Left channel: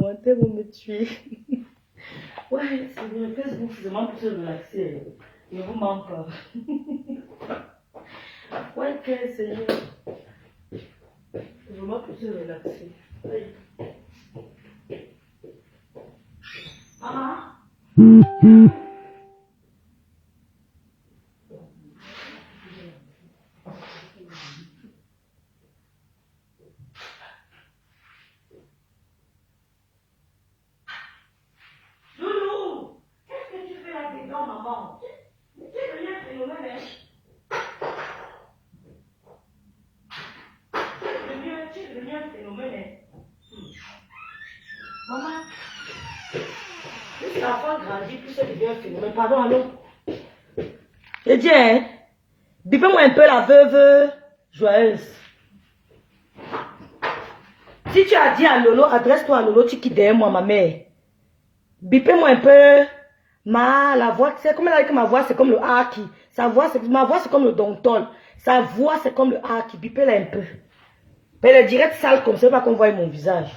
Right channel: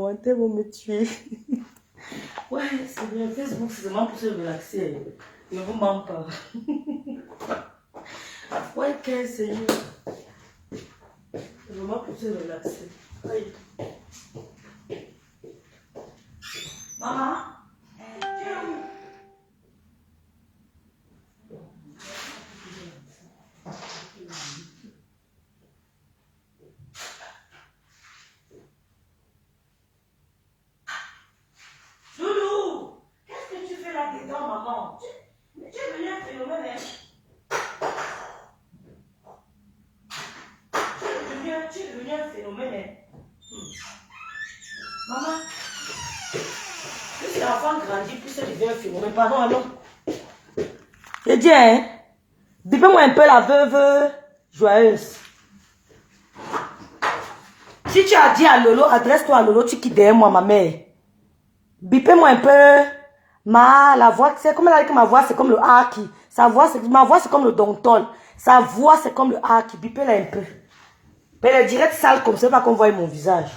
commentaires vont me tuer. Ouais, c'est bien. Facebook, c'est vraiment pour se relaxer. Ne vous ment pas. Ouais, ok, Seigneur. C'est vraiment pour se relaxer. Aïe. Maman? Loulou, qu'est-ce que tu fais là-dedans, maman? Tu es devenu un phénomène, hein? Tu es devenu un phénomène, hein? Maman, plus l'enfant grandit, plus il devient un phénomène. Pardon, allô? Je dis, hein? Bipez-moi un peu la veuve joyeuse. Si tu as dit à Lolo, adresse-toi à Lolo, tu quittes derrière moi, ma mère. Bipez-moi un peu la voix. C'est comme elle a dit que ma voix, c'est comme le haki. Ma voix, c'est comme le dontol. Sa voix, c'est comme le haki. Bipez-la un peu. Mais les directs sales comme ça, pas qu'on voie mon visage.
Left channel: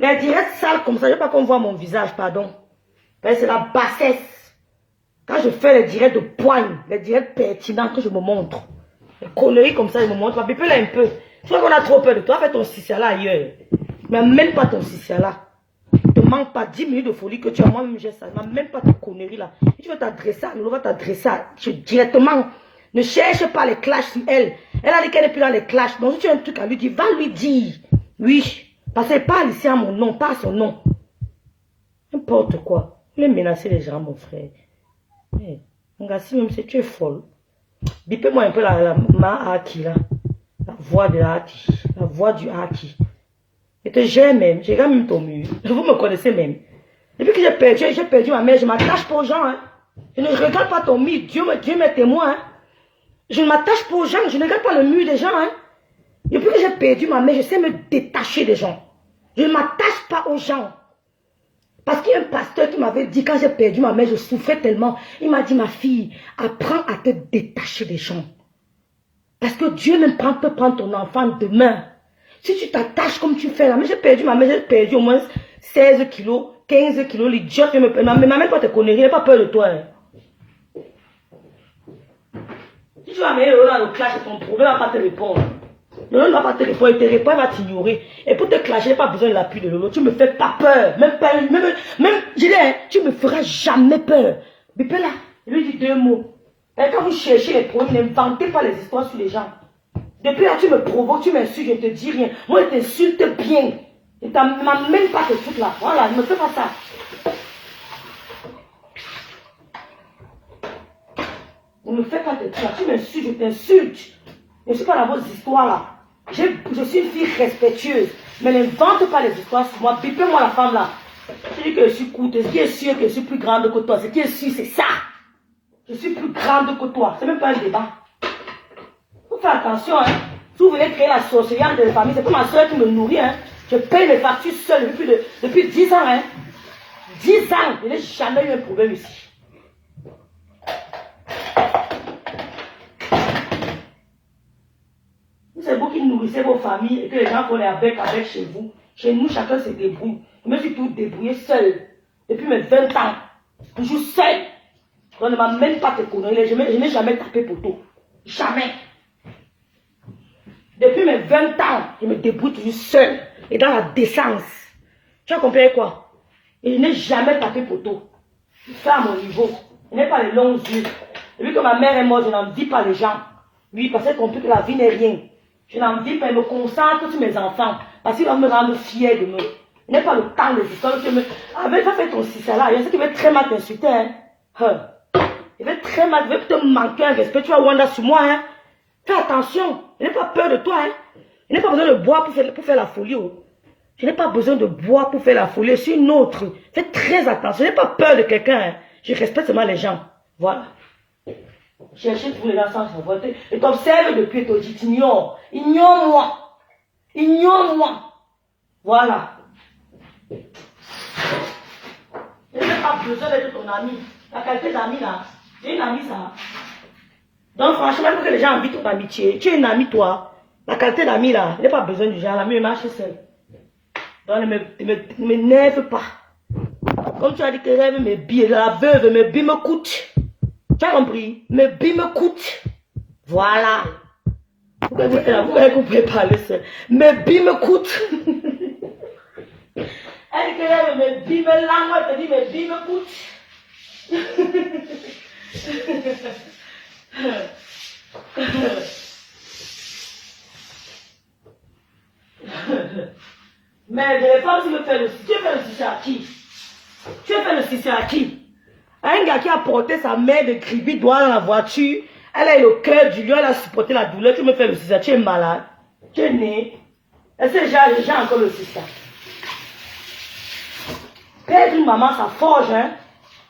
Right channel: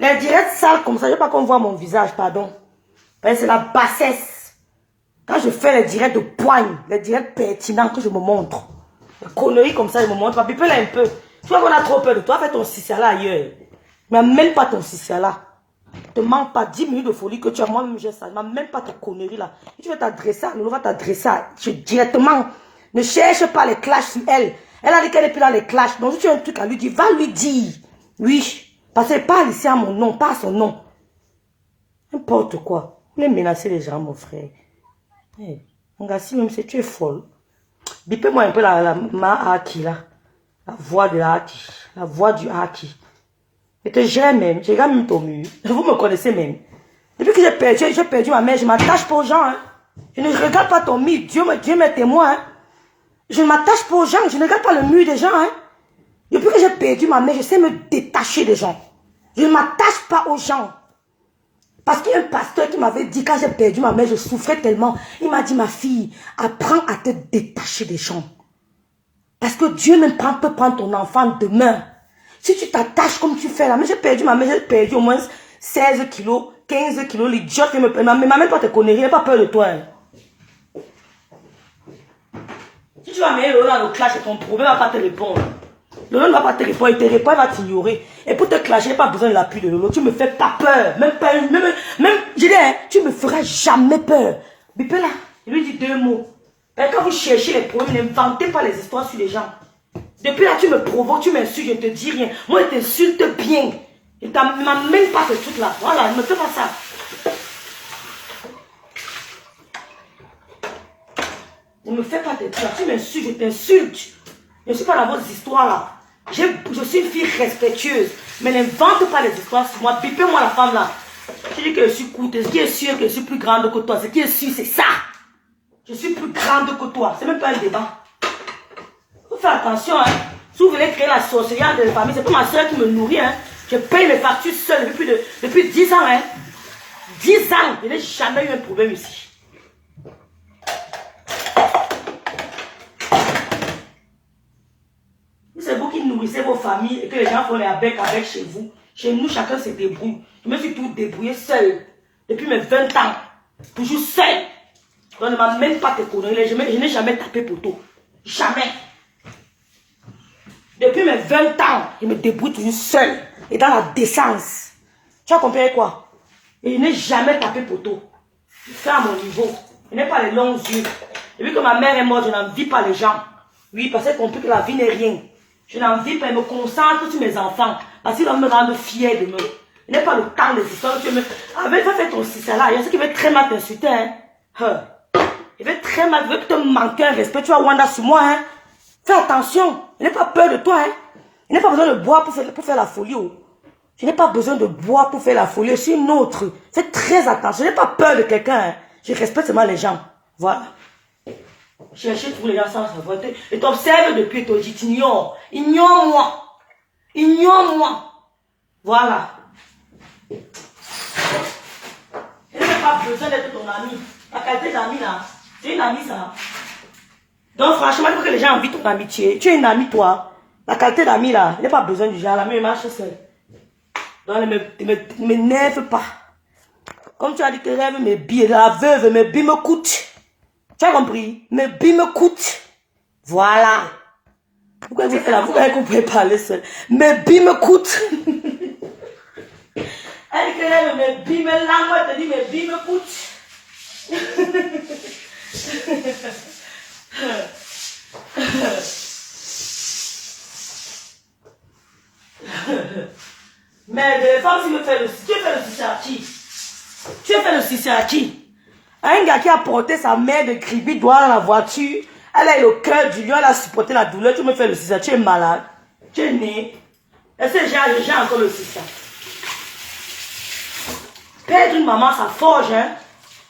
Les directs sales comme ça, je veux pas qu'on voit mon visage, pardon. C'est la bassesse. Quand je fais les directs de poigne, les directs pertinents que je me montre. Les conneries comme ça, je me montre. Bipez-la un peu. Tu vois qu'on a trop peur de toi, fais ton ciciala ailleurs. Mais même pas ton ciciala. Ne te manque pas 10 minutes de folie que tu as. Moi-même, j'ai ça. Même pas ta connerie là. Si tu veux t'adresser à nous, va t'adresser directement. Ne cherche pas les clashs sur elle. Elle a dit qu'elle n'est plus dans les clashs. Donc si tu as un truc à lui dire, va lui dire. Oui. Parce qu'elle parle ici à mon nom, pas à son nom. N'importe quoi. Vous voulez menacer les gens, mon frère. Hey, mon gars, si même si tu es folle. Bipez-moi un peu ma haki là. La voix de haki. La voix du haki. Et que j'aime même. J'ai même ton mur. Vous me connaissez même. Depuis que j'ai perdu ma mère, je m'attache pas aux gens. Hein. Je ne regarde pas ton mur. Dieu m'est témoin. Hein. Je ne m'attache pas aux gens. Je ne regarde pas le mur des gens. Hein. Depuis que j'ai perdu ma mère, je sais me détacher des gens. Je ne m'attache pas aux gens. Parce qu'il y a un pasteur qui m'avait dit, quand j'ai perdu ma mère, je souffrais tellement. Il m'a dit, ma fille, apprends à te détacher des gens. Parce que Dieu même peut prendre ton enfant demain. Si tu t'attaches comme tu fais là, mais j'ai perdu ma mère, j'ai perdu au moins 16 kilos, 15 kilos, l'idiote me perd. Ma mère, toi, te connais, elle n'a pas peur de toi. Hein. Si tu vas mettre le dans le clash, c'est ton problème, elle ne va pas te répondre. Lolo ne va pas te répondre, il te répond, il va t'ignorer. Et pour te clasher, il n'y a pas besoin de l'appui de Lolo. Tu me fais pas peur. Même, je dis, hein, tu me feras jamais peur. Bipé là, il lui dit 2 mots. Et quand vous cherchez les problèmes, n'inventez pas les histoires sur les gens. Depuis là, tu me provoques, tu m'insultes, je ne te dis rien. Moi, je t'insulte bien. Il ne m'amène pas ce truc-là. Voilà, ne me fais pas ça. Ne me fais pas tes trucs là. Tu m'insultes, je t'insulte. Je ne suis pas dans vos histoires là. Je suis une fille respectueuse. Mais n'invente pas les histoires sur moi. Bipez-moi la femme là. Je dis que je suis courte. Ce qui est sûr que je suis plus grande que toi. Ce qui est sûr, c'est ça. Je suis plus grande que toi. C'est même pas un débat. Faut faire attention. Hein. Si vous voulez créer la sorcellerie de la famille, c'est pas ma soeur qui me nourrit. Hein. Je paye mes factures seule depuis 10 ans. Hein. 10 ans. Je n'ai jamais eu un problème ici. C'est vous qui nourrissez vos familles et que les gens font les avec chez vous. Chez nous, chacun se débrouille. Je me suis tout débrouillé seul. Depuis mes 20 ans. Toujours seul. Donc ne m'amène pas tes conneries. Je n'ai jamais tapé poteau. Jamais. Depuis mes 20 ans, je me débrouille toujours seul. Et dans la décence. Tu as compris quoi? Et je n'ai jamais tapé poteau. Je fais à mon niveau. Je n'ai pas les longs yeux. Depuis que ma mère est morte, je n'envie pas les gens. Oui, parce que j'ai compris que la vie n'est rien. Je n'en vis pas, je me concentre sur mes enfants. Parce qu'ils vont me rendre fier de me. Je n'ai pas le temps des histoires. Avec, va faire ton système là. Il y a ceux qui veulent très mal t'insulter. Hein. Il veut très mal, il veut te manquer un respect. Tu as Wanda sur moi. Hein. Fais attention. Je n'ai pas peur de toi. Hein. Je n'ai pas besoin de boire pour faire la folie. Oh. Je n'ai pas besoin de boire pour faire la folie. Je suis une autre. Fais très attention. Je n'ai pas peur de quelqu'un. Hein. Je respecte seulement les gens. Voilà. Cherchez tous les gens sans savoir. Et t'observes depuis, tu dis, ignore. Ignore-moi. Ignore-moi. Voilà. Je n'ai pas besoin d'être ton ami. La qualité d'ami là, c'est une amie ça. Donc franchement, il faut que les gens envient ton amitié. Tu es une amie toi. La qualité d'ami là, il n'a pas besoin du genre, l'ami il marche seul. Donc ne m'énerve pas. Comme tu as dit que rêve mes billes, la veuve, mes billes me coûtent. Tu as compris? Mes billes me coûtent. Voilà. Pourquoi vous êtes là? Vous avez compris parler seul. Mes billes me coûtent. Elle dit que rêve mes billes, mes langues, elle te dit mes billes me coûtent. Mais des femmes, si me fait le... Tu fais le succès à qui? Tu fais le succès à qui? Un gars qui a porté sa mère de gribi doigt dans la voiture, elle a eu le cœur du lion, elle a supporté la douleur, tu me fais le succès, tu es malade, tu es né. Est-ce que j'ai encore le succès? Perdre une maman, ça forge, hein?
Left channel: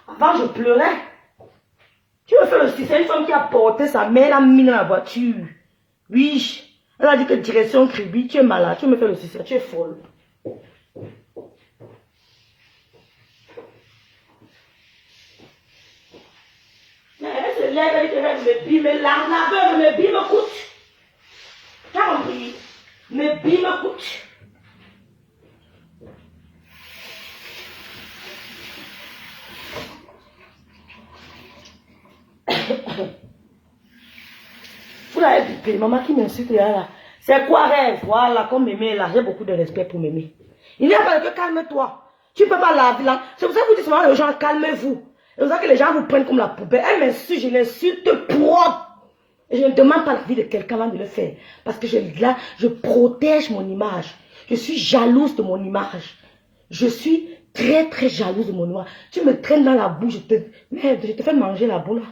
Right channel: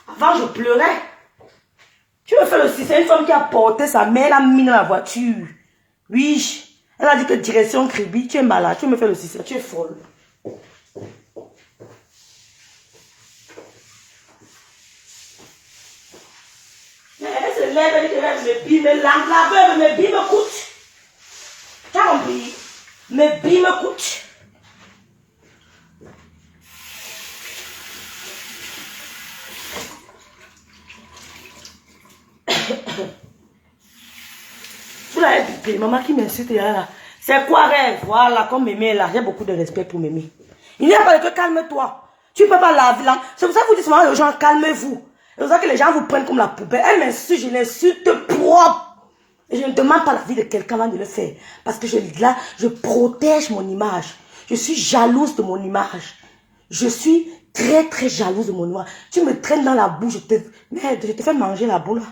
Avant, je pleurais. Tu me fais le succès, une femme qui a porté sa mère, elle a mis dans la voiture. Oui. Elle a dit que direction Kribi, tu es malade, tu me fais le succès, tu es folle. Elle se lève, elle dit que mes billes, mes lames, la veuve, mes billes me coûtent. Tu as compris? Mes billes me coûtent. Vous l'avez dit, maman qui m'insulte là. C'est quoi rêve? Voilà, comme Mémé là, j'ai beaucoup de respect pour Mémé. Il n'y a pas de que calme-toi. Tu ne peux pas laver là. C'est pour ça que vous dites souvent aux gens, calmez-vous. C'est pour ça que les gens vous prennent comme la poubelle. Elle m'insulte, je l'insulte propre. Et je ne demande pas la vie de quelqu'un là de le faire. Parce que là, je protège mon image. Je suis jalouse de mon image. Je suis très très jalouse de mon image. Tu me traînes dans la boue, merde, je te fais manger la boue là.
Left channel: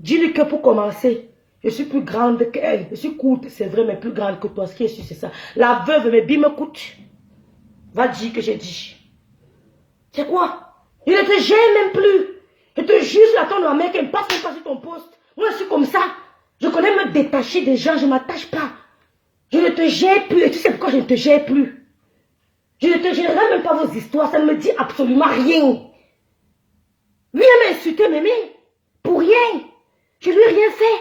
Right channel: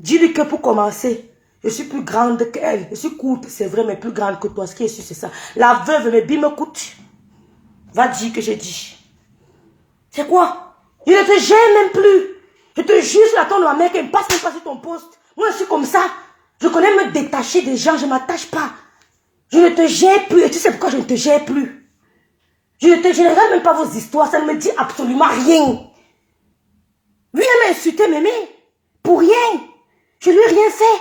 Dis-lui que pour commencer, je suis plus grande qu'elle. Je suis courte, c'est vrai, mais plus grande que toi. Ce qui est sûr, c'est ça. La veuve, mes billes me coûtent. Va dire que j'ai dit. C'est quoi? Je ne te gêne même plus. Je te juge, j'attends de ma mère qu'elle passe même pas sur ton poste. Moi, je suis comme ça. Je connais me détacher des gens, je ne m'attache pas. Je ne te gère plus. Et tu sais pourquoi je ne te gère plus? Je ne te gênerai même pas vos histoires. Ça ne me dit absolument rien. Lui, elle m'a insulté, Mémé. Pour rien. Je lui ai rien fait.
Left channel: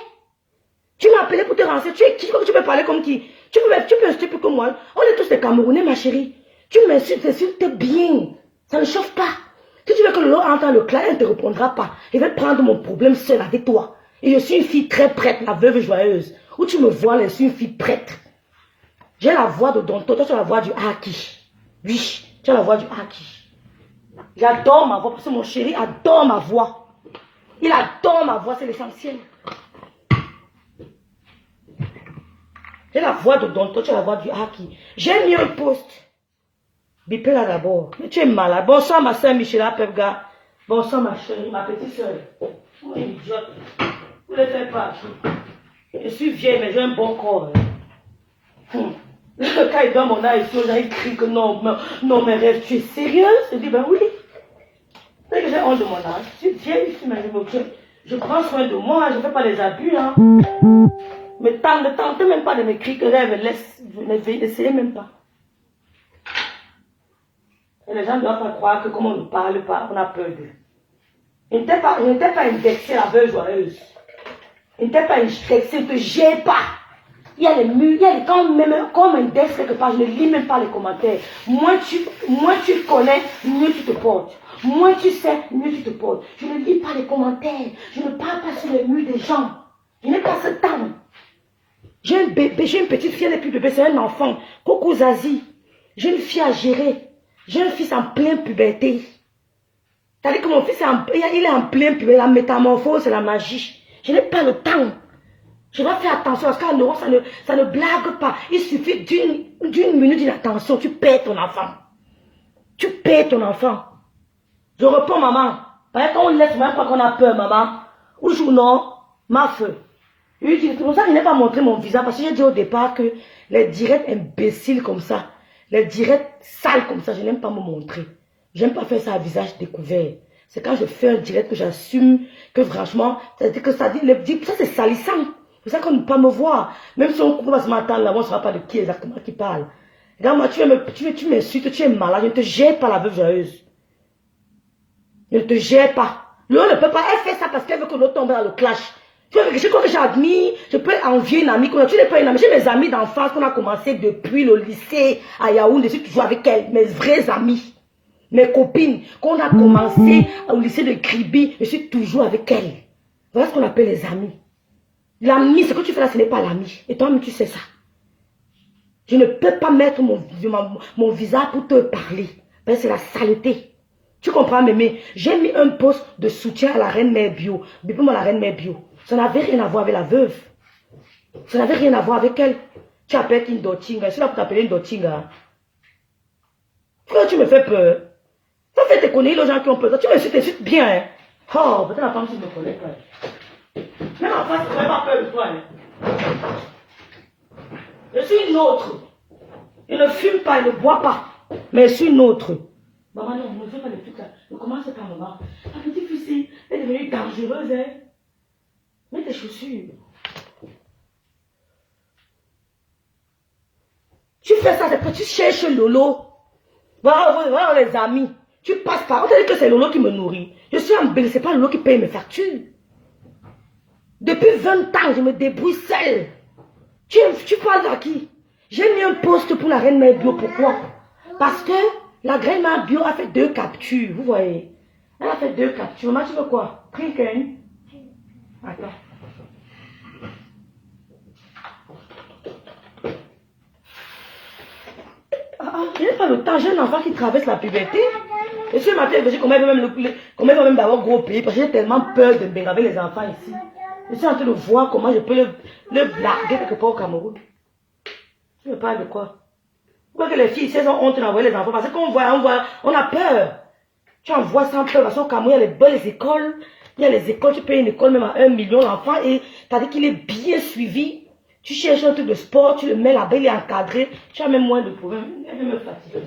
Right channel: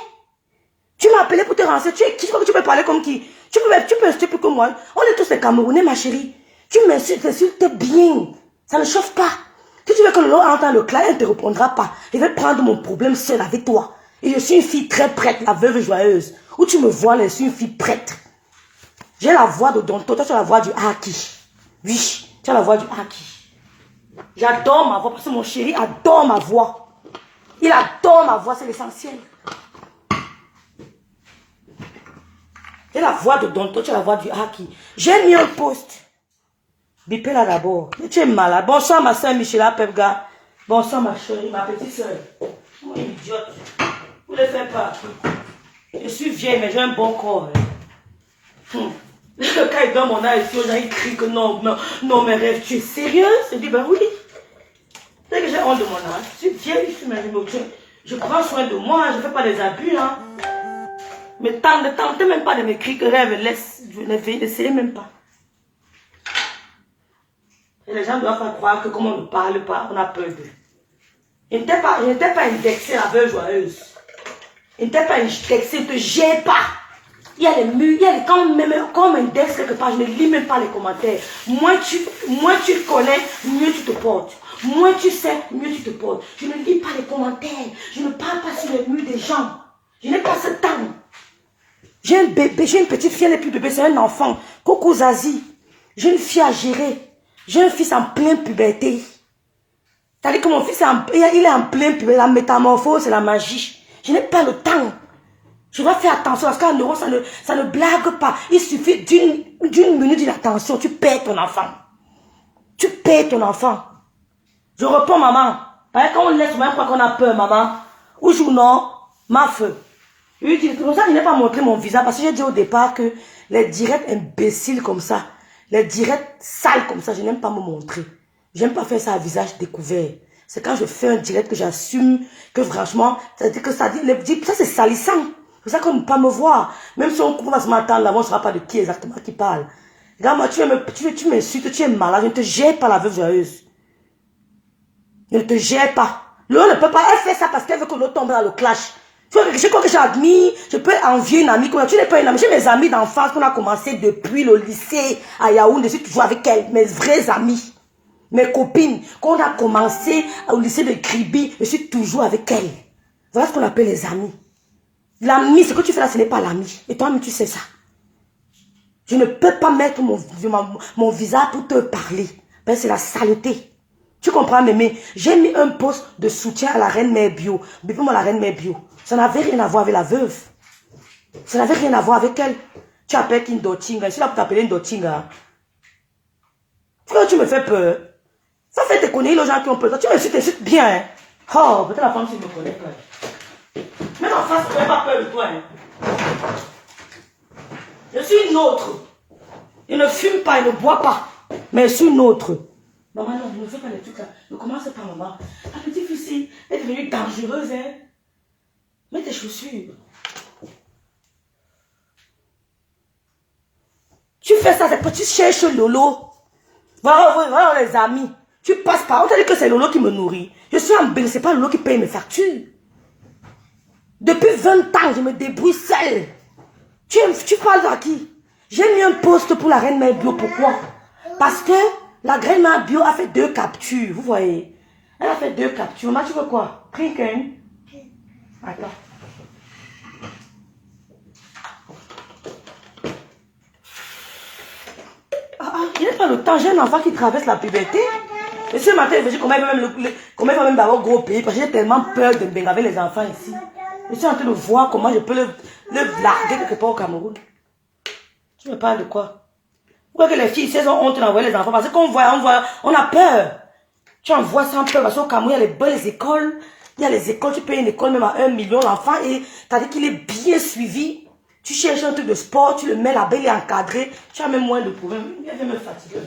Tu m'as appelé pour te renseigner. Tu es qui? Tu peux parler comme qui? Tu peux insulter plus que moi. On est tous des Camerounais, ma chérie. Tu m'insultes bien. Ça ne chauffe pas. Si tu veux que le lot entre dans le clan, elle ne te répondra pas. Je vais prendre mon problème seul avec toi. Et je suis une fille très prête, la veuve joyeuse. Où tu me vois, je suis une fille prête. J'ai la voix de Donto, toi tu as la voix du Haki. Oui, tu as la voix du Haki. J'adore ma voix parce que mon chéri adore ma voix. Il adore ma voix, c'est l'essentiel. J'ai la voix de Donto, tu as la voix du Haki. J'ai mis un poste. Bipé là d'abord. Mais tu es malade. Bonsoir ma soeur Michela Pepga. Bonsoir ma chérie, ma petite soeur. Oh, idiote. Vous ne le faites pas. Je suis vieille, mais j'ai un bon corps. Quand il donne mon âge, il crie que non, non, mes rêves, tu es sérieuse? Je dis, ben oui. C'est que j'ai honte de mon âge. Je suis vieille, je prends soin de moi, je ne fais pas des abus. Hein. Mais ne tentez même pas de m'écrire que rêve, laisse, je n'essayez même pas. Et les gens ne doivent pas croire que comme on ne parle pas, on a peur d'eux. Je n'étais pas indexée la veuve joyeuse. Je n'étais pas indexée, ne te gère pas. Il y a les murs, il y a les quand même comme index quelque part, je ne lis même pas les commentaires. Moins tu connais, mieux tu te portes. Moins tu sais, mieux tu te portes. Je ne lis pas les commentaires. Je ne parle pas sur les murs des gens. Je n'ai pas ce temps. J'ai un bébé, j'ai une petite fille, elle n'est plus bébé, c'est un enfant. Coucou Zazie. J'ai une fille à gérer. J'ai un fils en pleine puberté. C'est-à-dire que mon fils, il est en pleine puberté. La métamorphose, c'est la magie. Je n'ai pas le temps. Je dois faire attention parce qu'en euro, ça ne blague pas. Il suffit d'une minute d'attention, tu perds ton enfant. Tu perds ton enfant. Je réponds, maman. Quand on laisse, même quand on a peur, maman. Ou je non, ma feu. C'est pour ça que je n'ai pas montré mon visage parce que j'ai dit au départ que les directs imbéciles comme ça, les directs sales comme ça, je n'aime pas me montrer. Je n'aime pas faire ça à visage découvert. C'est quand je fais un direct que j'assume que franchement, ça c'est salissant. C'est ça qu'on ne peut pas me voir. Même si on coupe dans ce matin là, on ne saura pas de qui exactement qui parle. Regarde, moi, tu m'insultes, tu es malade, je ne te gère pas la veuve joyeuse. Ne te gère pas. L'autre ne peut pas, elle fait ça parce qu'elle veut que l'autre tombe dans le clash. Je crois que j'admire, je peux envier une amie. Tu n'es pas une amie. J'ai mes amis d'enfance qu'on a commencé depuis le lycée à Yaoundé. Je suis toujours avec elles. Mes vraies amies. Mes copines. Qu'on a commencé au lycée de Kribi. Je suis toujours avec elles. Voilà ce qu'on appelle les amis. L'ami, ce que tu fais là, ce n'est pas l'ami. Et toi-même, tu sais ça. Je ne peux pas mettre mon visage pour te parler. Ben, c'est la saleté. Tu comprends, mémé? J'ai mis un poste de soutien à la reine mère bio. Bébé-moi, la reine mère bio. Ça n'avait rien à voir avec la veuve. Ça n'avait rien à voir avec elle. Tu appelles une Dochinga. Je suis là pour t'appeler une Dochinga. Pourquoi tu me fais peur? Ça fait te connaître les gens qui ont peur. Tu m'insultes bien. Hein? Oh, peut-être la femme si me connaît pas. Même en face, je n'aurais pas peur de toi. Hein? Je suis une autre. Je ne fume pas, je ne bois pas. Mais je suis une autre. Maman, non, ne fais pas les trucs là. Ne commence pas, maman. La petite fille, elle est devenue dangereuse. Hein? Mets tes chaussures. Tu fais ça, tu cherches Lolo. Voilà les amis. Tu passes par. On t'a dit que c'est Lolo qui me nourrit. Je suis en bain, c'est pas Lolo qui paye mes factures. Depuis 20 ans, je me débrouille seule. Tu parles à qui? J'ai mis un poste pour la reine mère bio. Pourquoi? Parce que la reine mère bio a fait 2 captures. Vous voyez? Elle a fait 2 captures. Maman, tu veux quoi? Drink un. Attends. Je n'ai pas le temps. J'ai un enfant qui traverse la puberté. Et ce matin, je me dis comment il va même d'abord gros pays. Parce que j'ai tellement peur de me avec les enfants ici. Je suis en train de voir comment je peux le blaguer quelque part au Cameroun. Tu me parles de quoi? Pourquoi que les filles ici ont honte d'envoyer les enfants? Parce qu'on voit, on a peur. Tu envoies sans peur. Parce qu'au Cameroun, il y a les belles écoles. Il y a les écoles, tu payes une école même à 1 million d'enfants. Et tu as dit qu'il est bien suivi. Tu cherches un truc de sport, tu le mets là-bas, il est encadré. Tu as même moins de problèmes. Elle veut me fatiguer.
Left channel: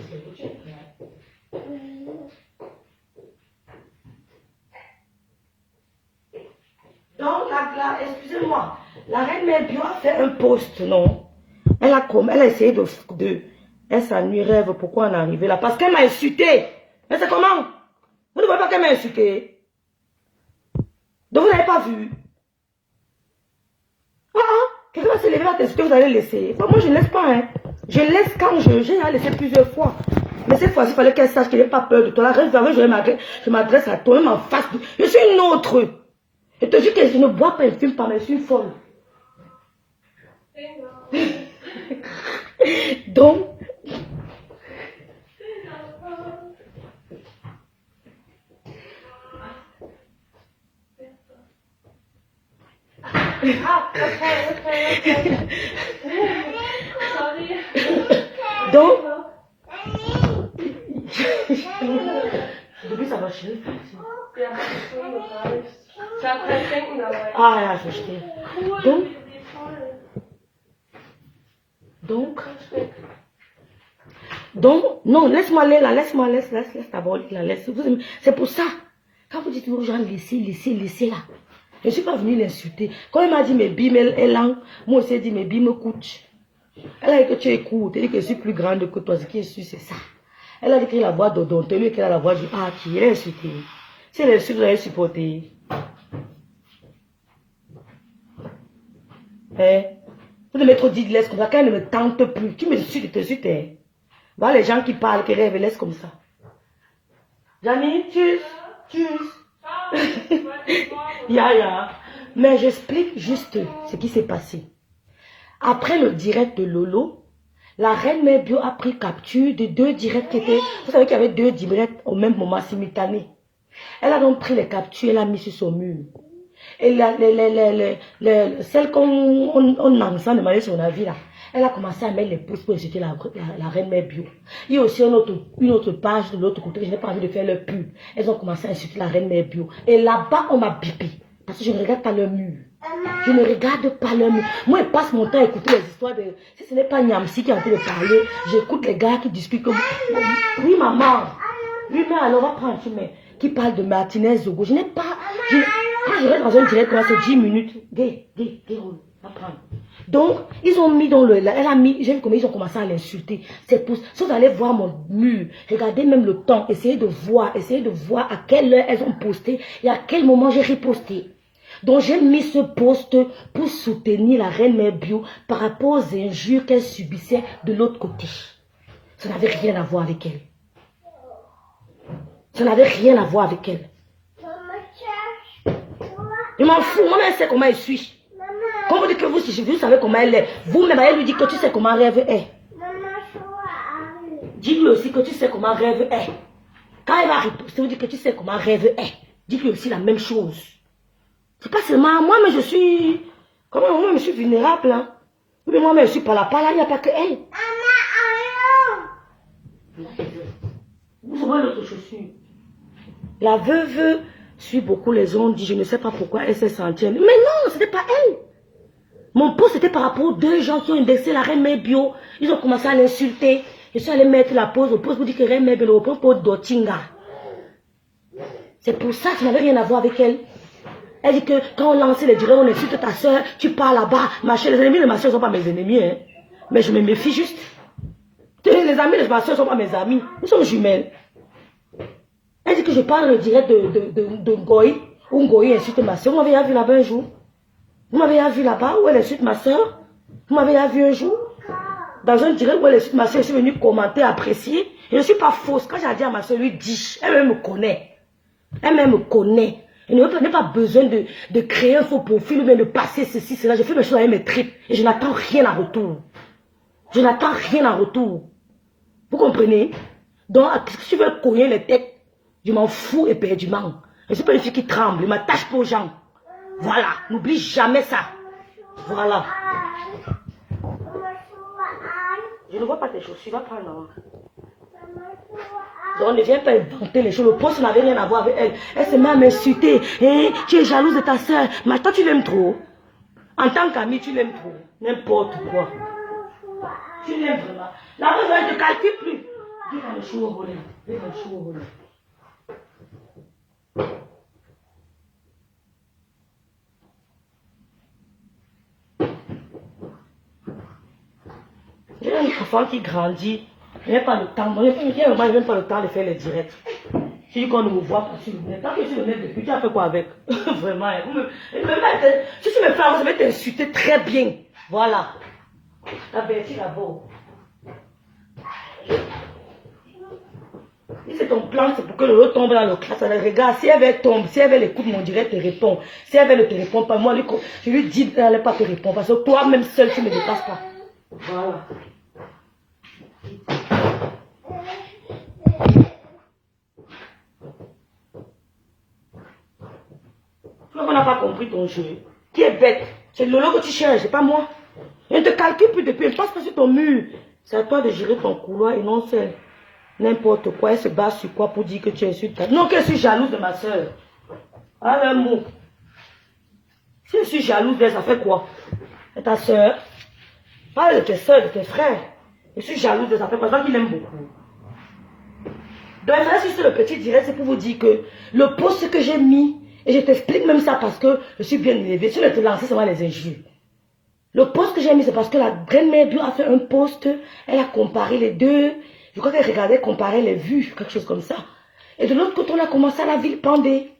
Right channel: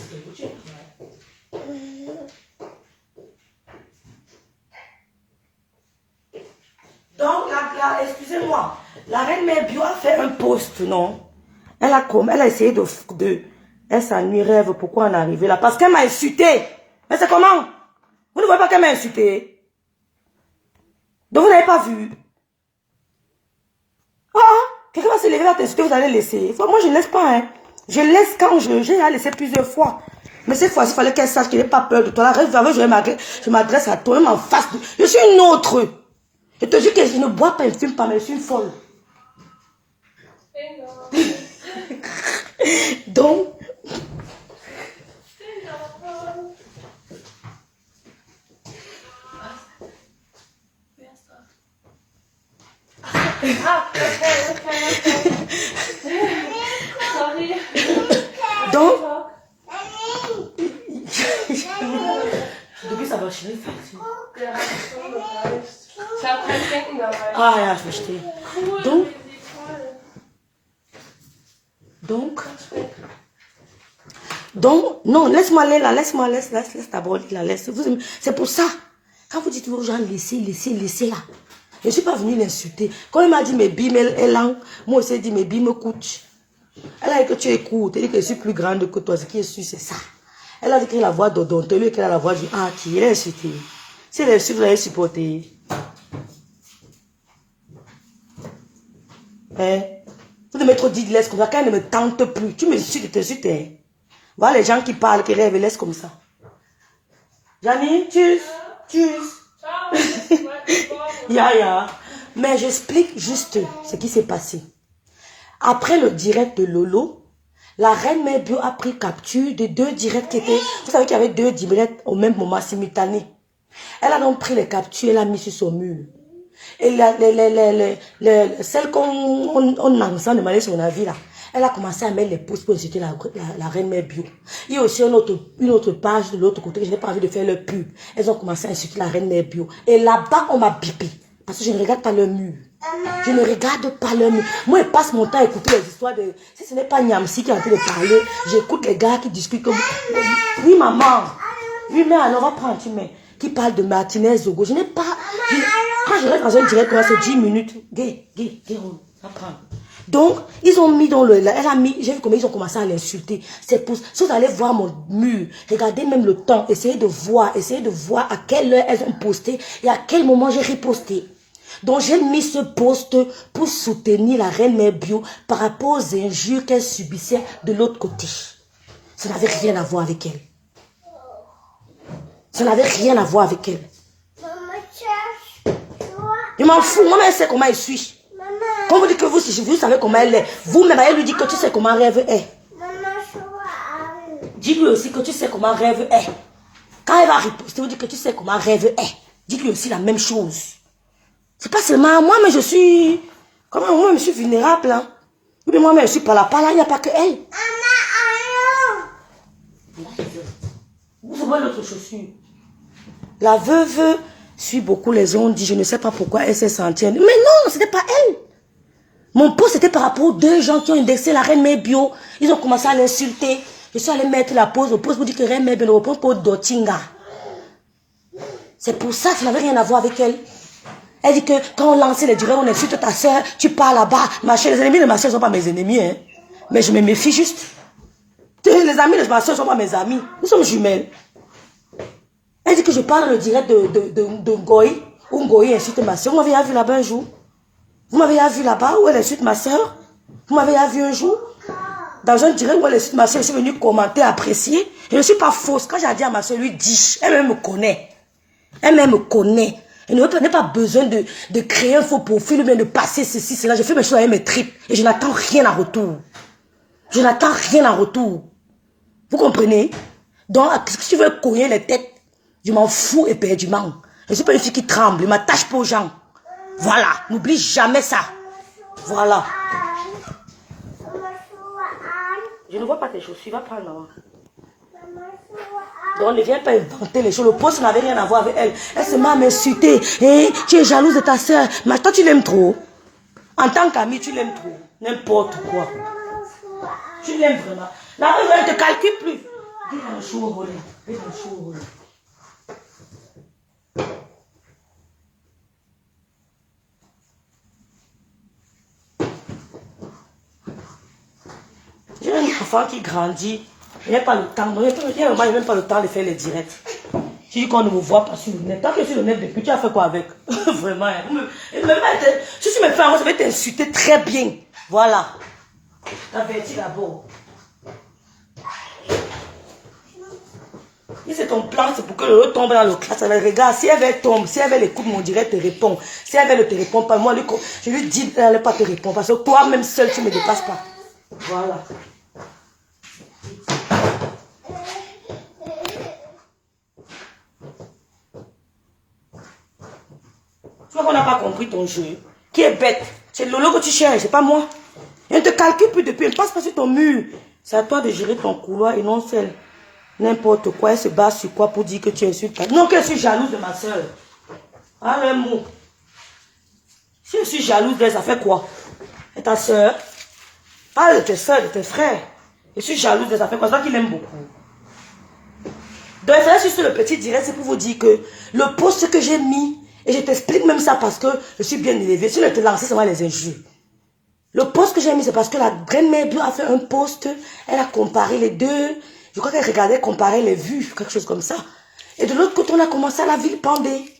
Donc, excusez-moi, la reine mère bio a fait un post, non? Elle a essayé elle s'ennuie, rêve, pourquoi on est arrivé là? Parce qu'elle m'a insulté. Mais c'est comment? Vous ne voyez pas qu'elle m'a insulté? Donc, vous n'avez pas vu? Ah, quelqu'un va se lever à t'insulter, vous allez laisser. Moi, je ne laisse pas, hein. Je laisse quand j'ai laissé plusieurs fois. Mais cette fois-ci, il fallait qu'elle sache que je n'ai pas peur de toi. Je m'adresse à toi, même en face. Je suis une autre. Je te dis que je ne bois pas, je ne fume pas, mais je suis une folle. Donc, depuis ça va chier facile. Ah ja, ich verstehe. Donc, non, laisse-moi aller là, laisse d'abord la laisse. C'est pour ça, quand vous dites aux gens, laissez là. Je ne suis pas venue l'insulter. Quand elle m'a dit mes bimes, moi aussi, elle dit mes bimes coûtent. Elle a dit que tu écoutes, elle dit que je suis plus grande que toi, ce qui est sûr, c'est ça. Elle a dit qu'elle a la voix d'Odonté, lui qu'elle a la voix du qui est insulté. Si elle est insultée, vous allez supporter. Hein? Vous devez trop dire laisse comme ça, quand elle ne me tente plus. Tu me dis, tu t'insultes. Voilà les gens qui parlent, qui rêvent, laisse comme ça. Janine, tchuss. Ya. Mais j'explique juste ce qui s'est passé. Après le direct de Lolo, la reine mère bio a pris capture de 2 directs qui étaient... Vous savez qu'il y avait 2 directs au même moment, simultanés. Elle a donc pris les captures, elle a mis sur son mur. Et celle qu'on a demandé son avis là, elle a commencé à mettre les pouces pour insulter la reine mère bio. Il y a aussi une autre page de l'autre côté que je n'ai pas envie de faire leur pub. Elles ont commencé à insulter la reine mère bio. Et là-bas, on m'a bipé. Parce que je ne regarde pas leur mur. Je ne regarde pas leur mur. Moi, je passe mon temps à écouter les histoires de... Si ce n'est pas Niamsi qui est en train de parler, j'écoute les gars qui discutent comme... Oui, maman. Oui, mais alors, apprends, tu mets... Qui parle de Martinez Zogo. Je n'ai pas... Quand je reste dans un direct, c'est 10 minutes. Gay, apprends. Donc, ils ont mis dans le... Elle a mis... J'ai vu comment ils ont commencé à l'insulter. C'est pour... Si vous allez voir mon mur, regardez même le temps, essayez de voir à quelle heure elles ont posté et à quel moment j'ai riposté. Donc j'ai mis ce poste pour soutenir la reine mère bio par rapport aux injures qu'elle subissait de l'autre côté. Ça n'avait rien à voir avec elle. Ça n'avait rien à voir avec elle. Je m'en fous, moi-même, elle sait comment elle suis. Quand vous dites que vous savez comment elle est, vous-même, elle lui dit que tu sais comment rêve est. Dis-lui aussi que tu sais comment rêve est. Quand elle va riposter, vous dites que tu sais comment rêve est. Dites-lui aussi la même chose. C'est pas seulement moi, mais je suis... Comment moi, je suis vulnérable. Hein? Mais moi, je suis pas là, il n'y a pas que elle. Vous voyez l'autre chaussure. La veuve suit beaucoup les ondes, dit, je ne sais pas pourquoi elle s'est sentie. Mais non, ce n'était pas elle. Mon poste, c'était par rapport aux deux gens qui ont indexé la reine mère bio. Ils ont commencé à l'insulter. Je suis allé mettre la pause au poste pour dire que reine mère bio ne répond pas au Dotinga. C'est pour ça que ça n'avait rien à voir avec elle. Elle dit que quand on lance les directs, on insulte ta soeur, tu pars là-bas. Les ennemis de ma soeur ne sont pas mes ennemis. Hein. Mais je me méfie juste. Les amis de ma soeur ne sont pas mes amis. Nous sommes jumelles. Elle dit que je parle le direct de Ngoï. Où Ngoï insulte ma soeur. Vous m'avez vu là-bas un jour? Vous m'avez vu là-bas où elle insulte ma soeur? Vous m'avez vu un jour? Dans un direct où elle insulte ma soeur, je suis venue commenter, apprécier. Je ne suis pas fausse. Quand j'ai dit à ma soeur, lui dis, elle me connaît. Elle me connaît. Elle n'a pas besoin de créer un faux profil ou bien de passer ceci, cela. Je fais mes choses avec mes tripes et je n'attends rien en retour. Je n'attends rien en retour. Vous comprenez? Donc, si tu veux cogner les têtes, je m'en fous éperdument. Je ne suis pas une fille qui tremble. Je ne m'attache pas aux gens. Voilà. N'oublie jamais ça. Voilà. Je ne vois pas tes chaussures. Va prendre. Donc, ne viens pas inventer les choses. Le poste n'avait rien à voir avec elle. Elle se met à m'insulter. Hey, tu es jalouse de ta soeur. Mais toi, tu l'aimes trop. En tant qu'amie, tu l'aimes trop. N'importe quoi. Tu l'aimes vraiment. La meuf, elle ne te calcule plus. Viens dans le chou au volet. Viens dans le chou au volet. J'ai un enfant qui grandit. Il n'y a pas le temps. Il n'y a même pas le temps de faire les directs. Tu dis qu'on ne me voit pas sur le net. Tant que sur le net depuis, tu as fait quoi avec? Vraiment. Si tu me fais un, je vais t'insulter très bien. Voilà. T'avertis d'abord. Si c'est ton plan, c'est pour que l'autre tombe dans le classe. Elle regarde, si elle tombe, si elle écoute mon direct, te répond. Si elle ne te répond pas, moi, je lui dis qu'elle n'allait pas te répondre. Parce que toi-même seul, tu ne me dépasses pas. Voilà. Tu vois qu'on n'a pas compris ton jeu. Qui est bête? C'est Lolo que tu cherches, c'est pas moi. Elle ne te calcule plus depuis, elle ne passe pas sur ton mur. C'est à toi de gérer ton couloir et non celle. N'importe quoi, elle se base sur quoi pour dire que tu es sur quelqu'un. Non, que je suis jalouse de ma soeur. En un mot. Si je suis jalouse d'elle, ça fait quoi? Et ta soeur? Parle de tes soeurs, de tes frères. Je suis jalouse d'elle, ça fait quoi? C'est toi qui m'aime beaucoup. Donc, je suis sur le petit direct, c'est pour vous dire que le poste que j'ai mis, et je t'explique même ça parce que je suis bien élevée. Si je te lancer, c'est moi les injures. Le poste que j'ai mis, c'est parce que la grand-mère bio a fait un poste. Elle a comparé les deux. Je crois qu'elle regardait comparer les vues, quelque chose comme ça. Et de l'autre côté, on a commencé à la vilipender.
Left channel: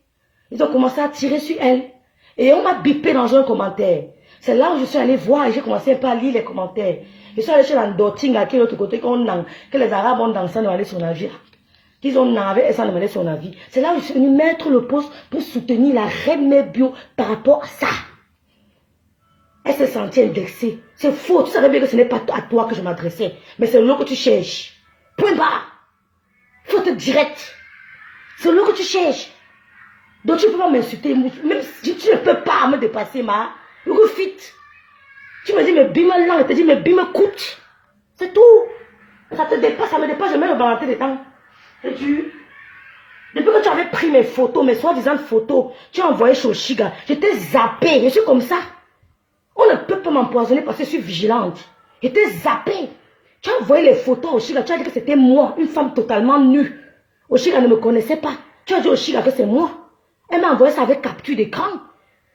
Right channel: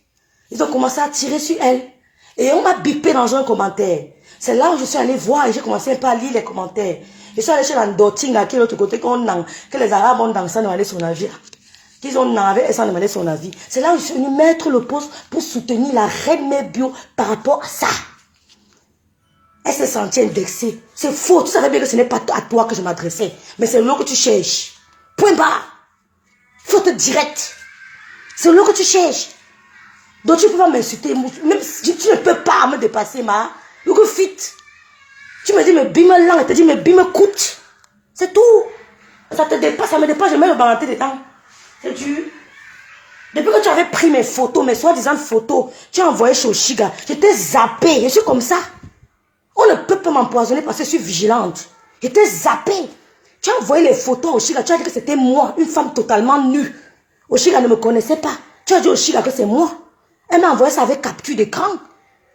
Ils ont commencé à tirer sur elle. Et on m'a bipé dans un commentaire. C'est là où je suis allée voir et j'ai commencé un peu à lire les commentaires. Je suis allée chez l'Andoting, à l'autre côté, que les Arabes ont dansé, demander son avis. Qu'ils ont navé et sans demander son avis. C'est là où je suis venue mettre le poste pour soutenir la reine mère bio par rapport à ça. Elle s'est sentie indexée. C'est faux. Tu savais bien que ce n'est pas à toi que je m'adressais. Mais c'est l'eau que tu cherches. Point barre. Faute directe. C'est l'eau que tu cherches. Donc tu peux pas m'insulter. Même si tu ne peux pas me dépasser, ma. Look fit. Tu me dis, mais bim lang. Elle te dit, mais bim coûte. C'est tout. Ça te dépasse, ça me dépasse. Je mets le balanté dedans. C'est dur. Depuis que tu avais pris mes photos, mes soi-disant photos, tu as envoyé chez Oshiga. Je t'ai zappé. Je suis comme ça. On ne peut pas m'empoisonner parce que je suis vigilante. Je t'ai zappé. Tu as envoyé les photos à Oshiga. Tu as dit que c'était moi, une femme totalement nue. Oshiga ne me connaissait pas. Tu as dit à Oshiga que c'est moi. Elle m'a envoyé ça avec capture d'écran.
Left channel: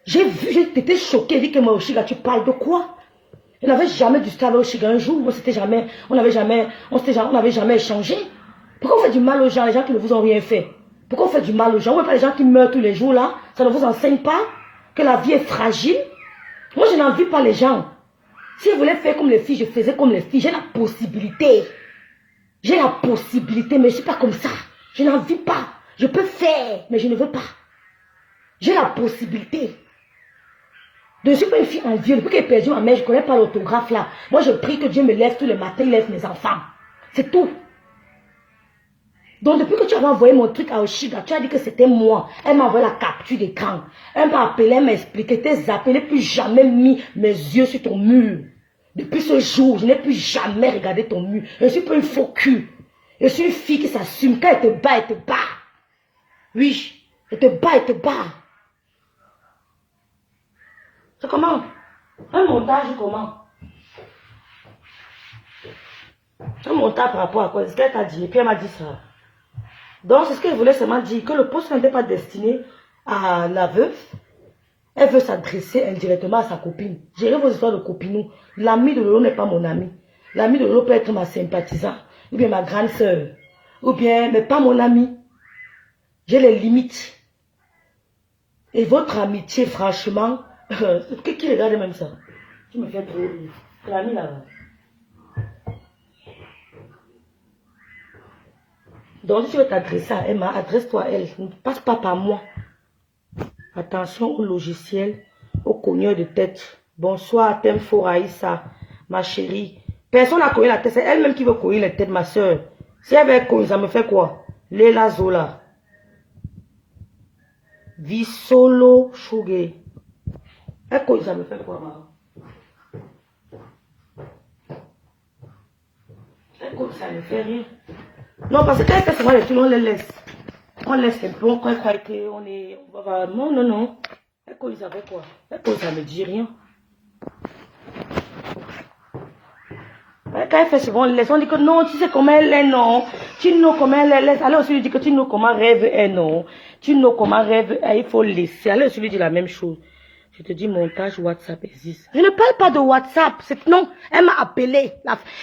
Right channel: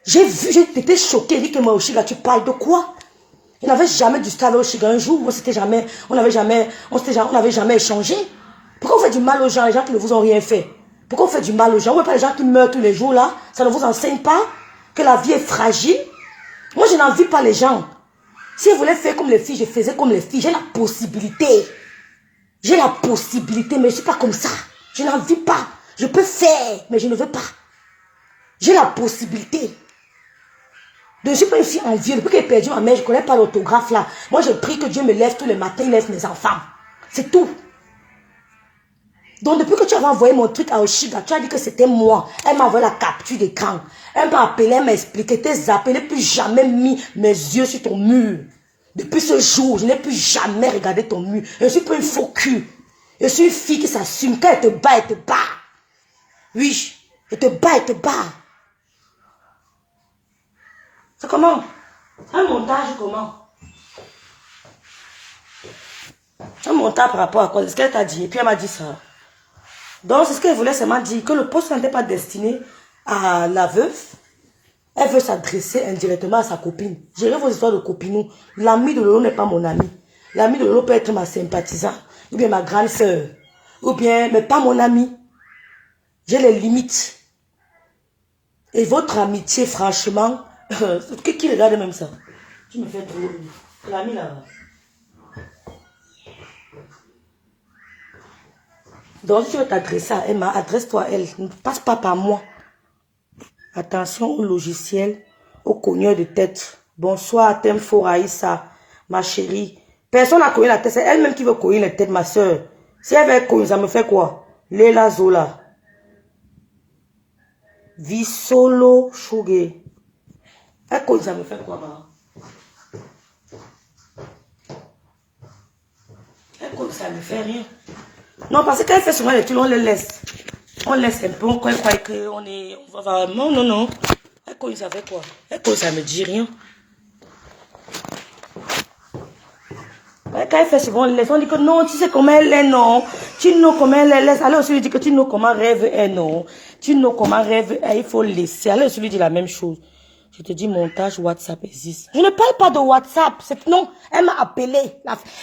J'ai vu, j'étais choquée. Elle dit que moi, Oshiga, tu parles de quoi? Je n'avais jamais du style avec Oshiga un jour. On n'avait jamais échangé. Pourquoi on fait du mal aux gens, les gens qui ne vous ont rien fait? Pourquoi on fait du mal aux gens? Vous ne voyez pas les gens qui meurent tous les jours là? Ça ne vous enseigne pas? que la vie est fragile. Moi, je n'envie pas les gens. Si je voulais faire comme les filles, je faisais comme les filles. J'ai la possibilité. J'ai la possibilité, mais je ne suis pas comme ça. Je n'envie pas. Je peux faire, mais je ne veux pas. J'ai la possibilité. Donc, je suis pas une fille envieuse. Depuis que j'ai perdu ma mère, je ne connais pas l'autographe là. Moi, je prie que Dieu me lève tous les matins, lève mes enfants. C'est tout. Donc, depuis que tu avais envoyé mon truc à Oshiga, tu as dit que c'était moi. Elle m'a envoyé la capture d'écran. Elle m'a appelé, elle m'a expliqué. T'es zappé, je n'ai plus jamais mis mes yeux sur ton mur. Depuis ce jour, je n'ai plus jamais regardé ton mur. Je ne suis pas une faux cul. Je suis une fille qui s'assume. Quand elle te bat, elle te bat. Oui, elle te bat, elle te bat. C'est comment? Un montage comment? Un montage par rapport à quoi? C'est ce qu'elle t'a dit. Et puis elle m'a dit ça. Donc c'est ce qu'elle voulait seulement dire. Que le poste n'était pas destiné à la veuve. Elle veut s'adresser indirectement à sa copine. Gérez vos histoires de copinou. L'ami de Lolo n'est pas mon ami. L'ami de Lolo peut être ma sympathisante. Ou bien ma grande soeur. Ou bien, mais pas mon ami. J'ai les limites. Et votre amitié, franchement, qui regarde même ça? Tu me fais trop. L'ami là-bas. Donc, si tu veux t'adresser à Emma, adresse-toi à elle. Ne passe pas par moi. Attention au logiciel, au cogneur de tête. Bonsoir, Temfo Raïssa, ma chérie. Personne n'a cogné la tête. C'est elle-même qui veut cogner la tête, ma soeur. Si elle veut cogner, ça me fait quoi? Léla Zola. Visolo Chougue. Elle cogne, ça me fait quoi, maman? Elle cogne, ça me fait rien. Non, parce qu'elle fait souvent les trucs, on les laisse. On laisse un peu, on croit qu'on est... On va, non, non, non. Elle cogne, ça fait quoi? Elle cogne, ça me dit rien. Quand elle fait souvent, on laisse. On dit que non, tu sais comment elle est, non. Tu know comment elle est, laisse. Alors, on lui dit que tu know comment rêve est, non. Tu know comment rêve est, il faut laisser. Alors, on lui dit la même chose. Je te dis, montage WhatsApp existe. Je ne parle pas de WhatsApp. Non, elle m'a appelé.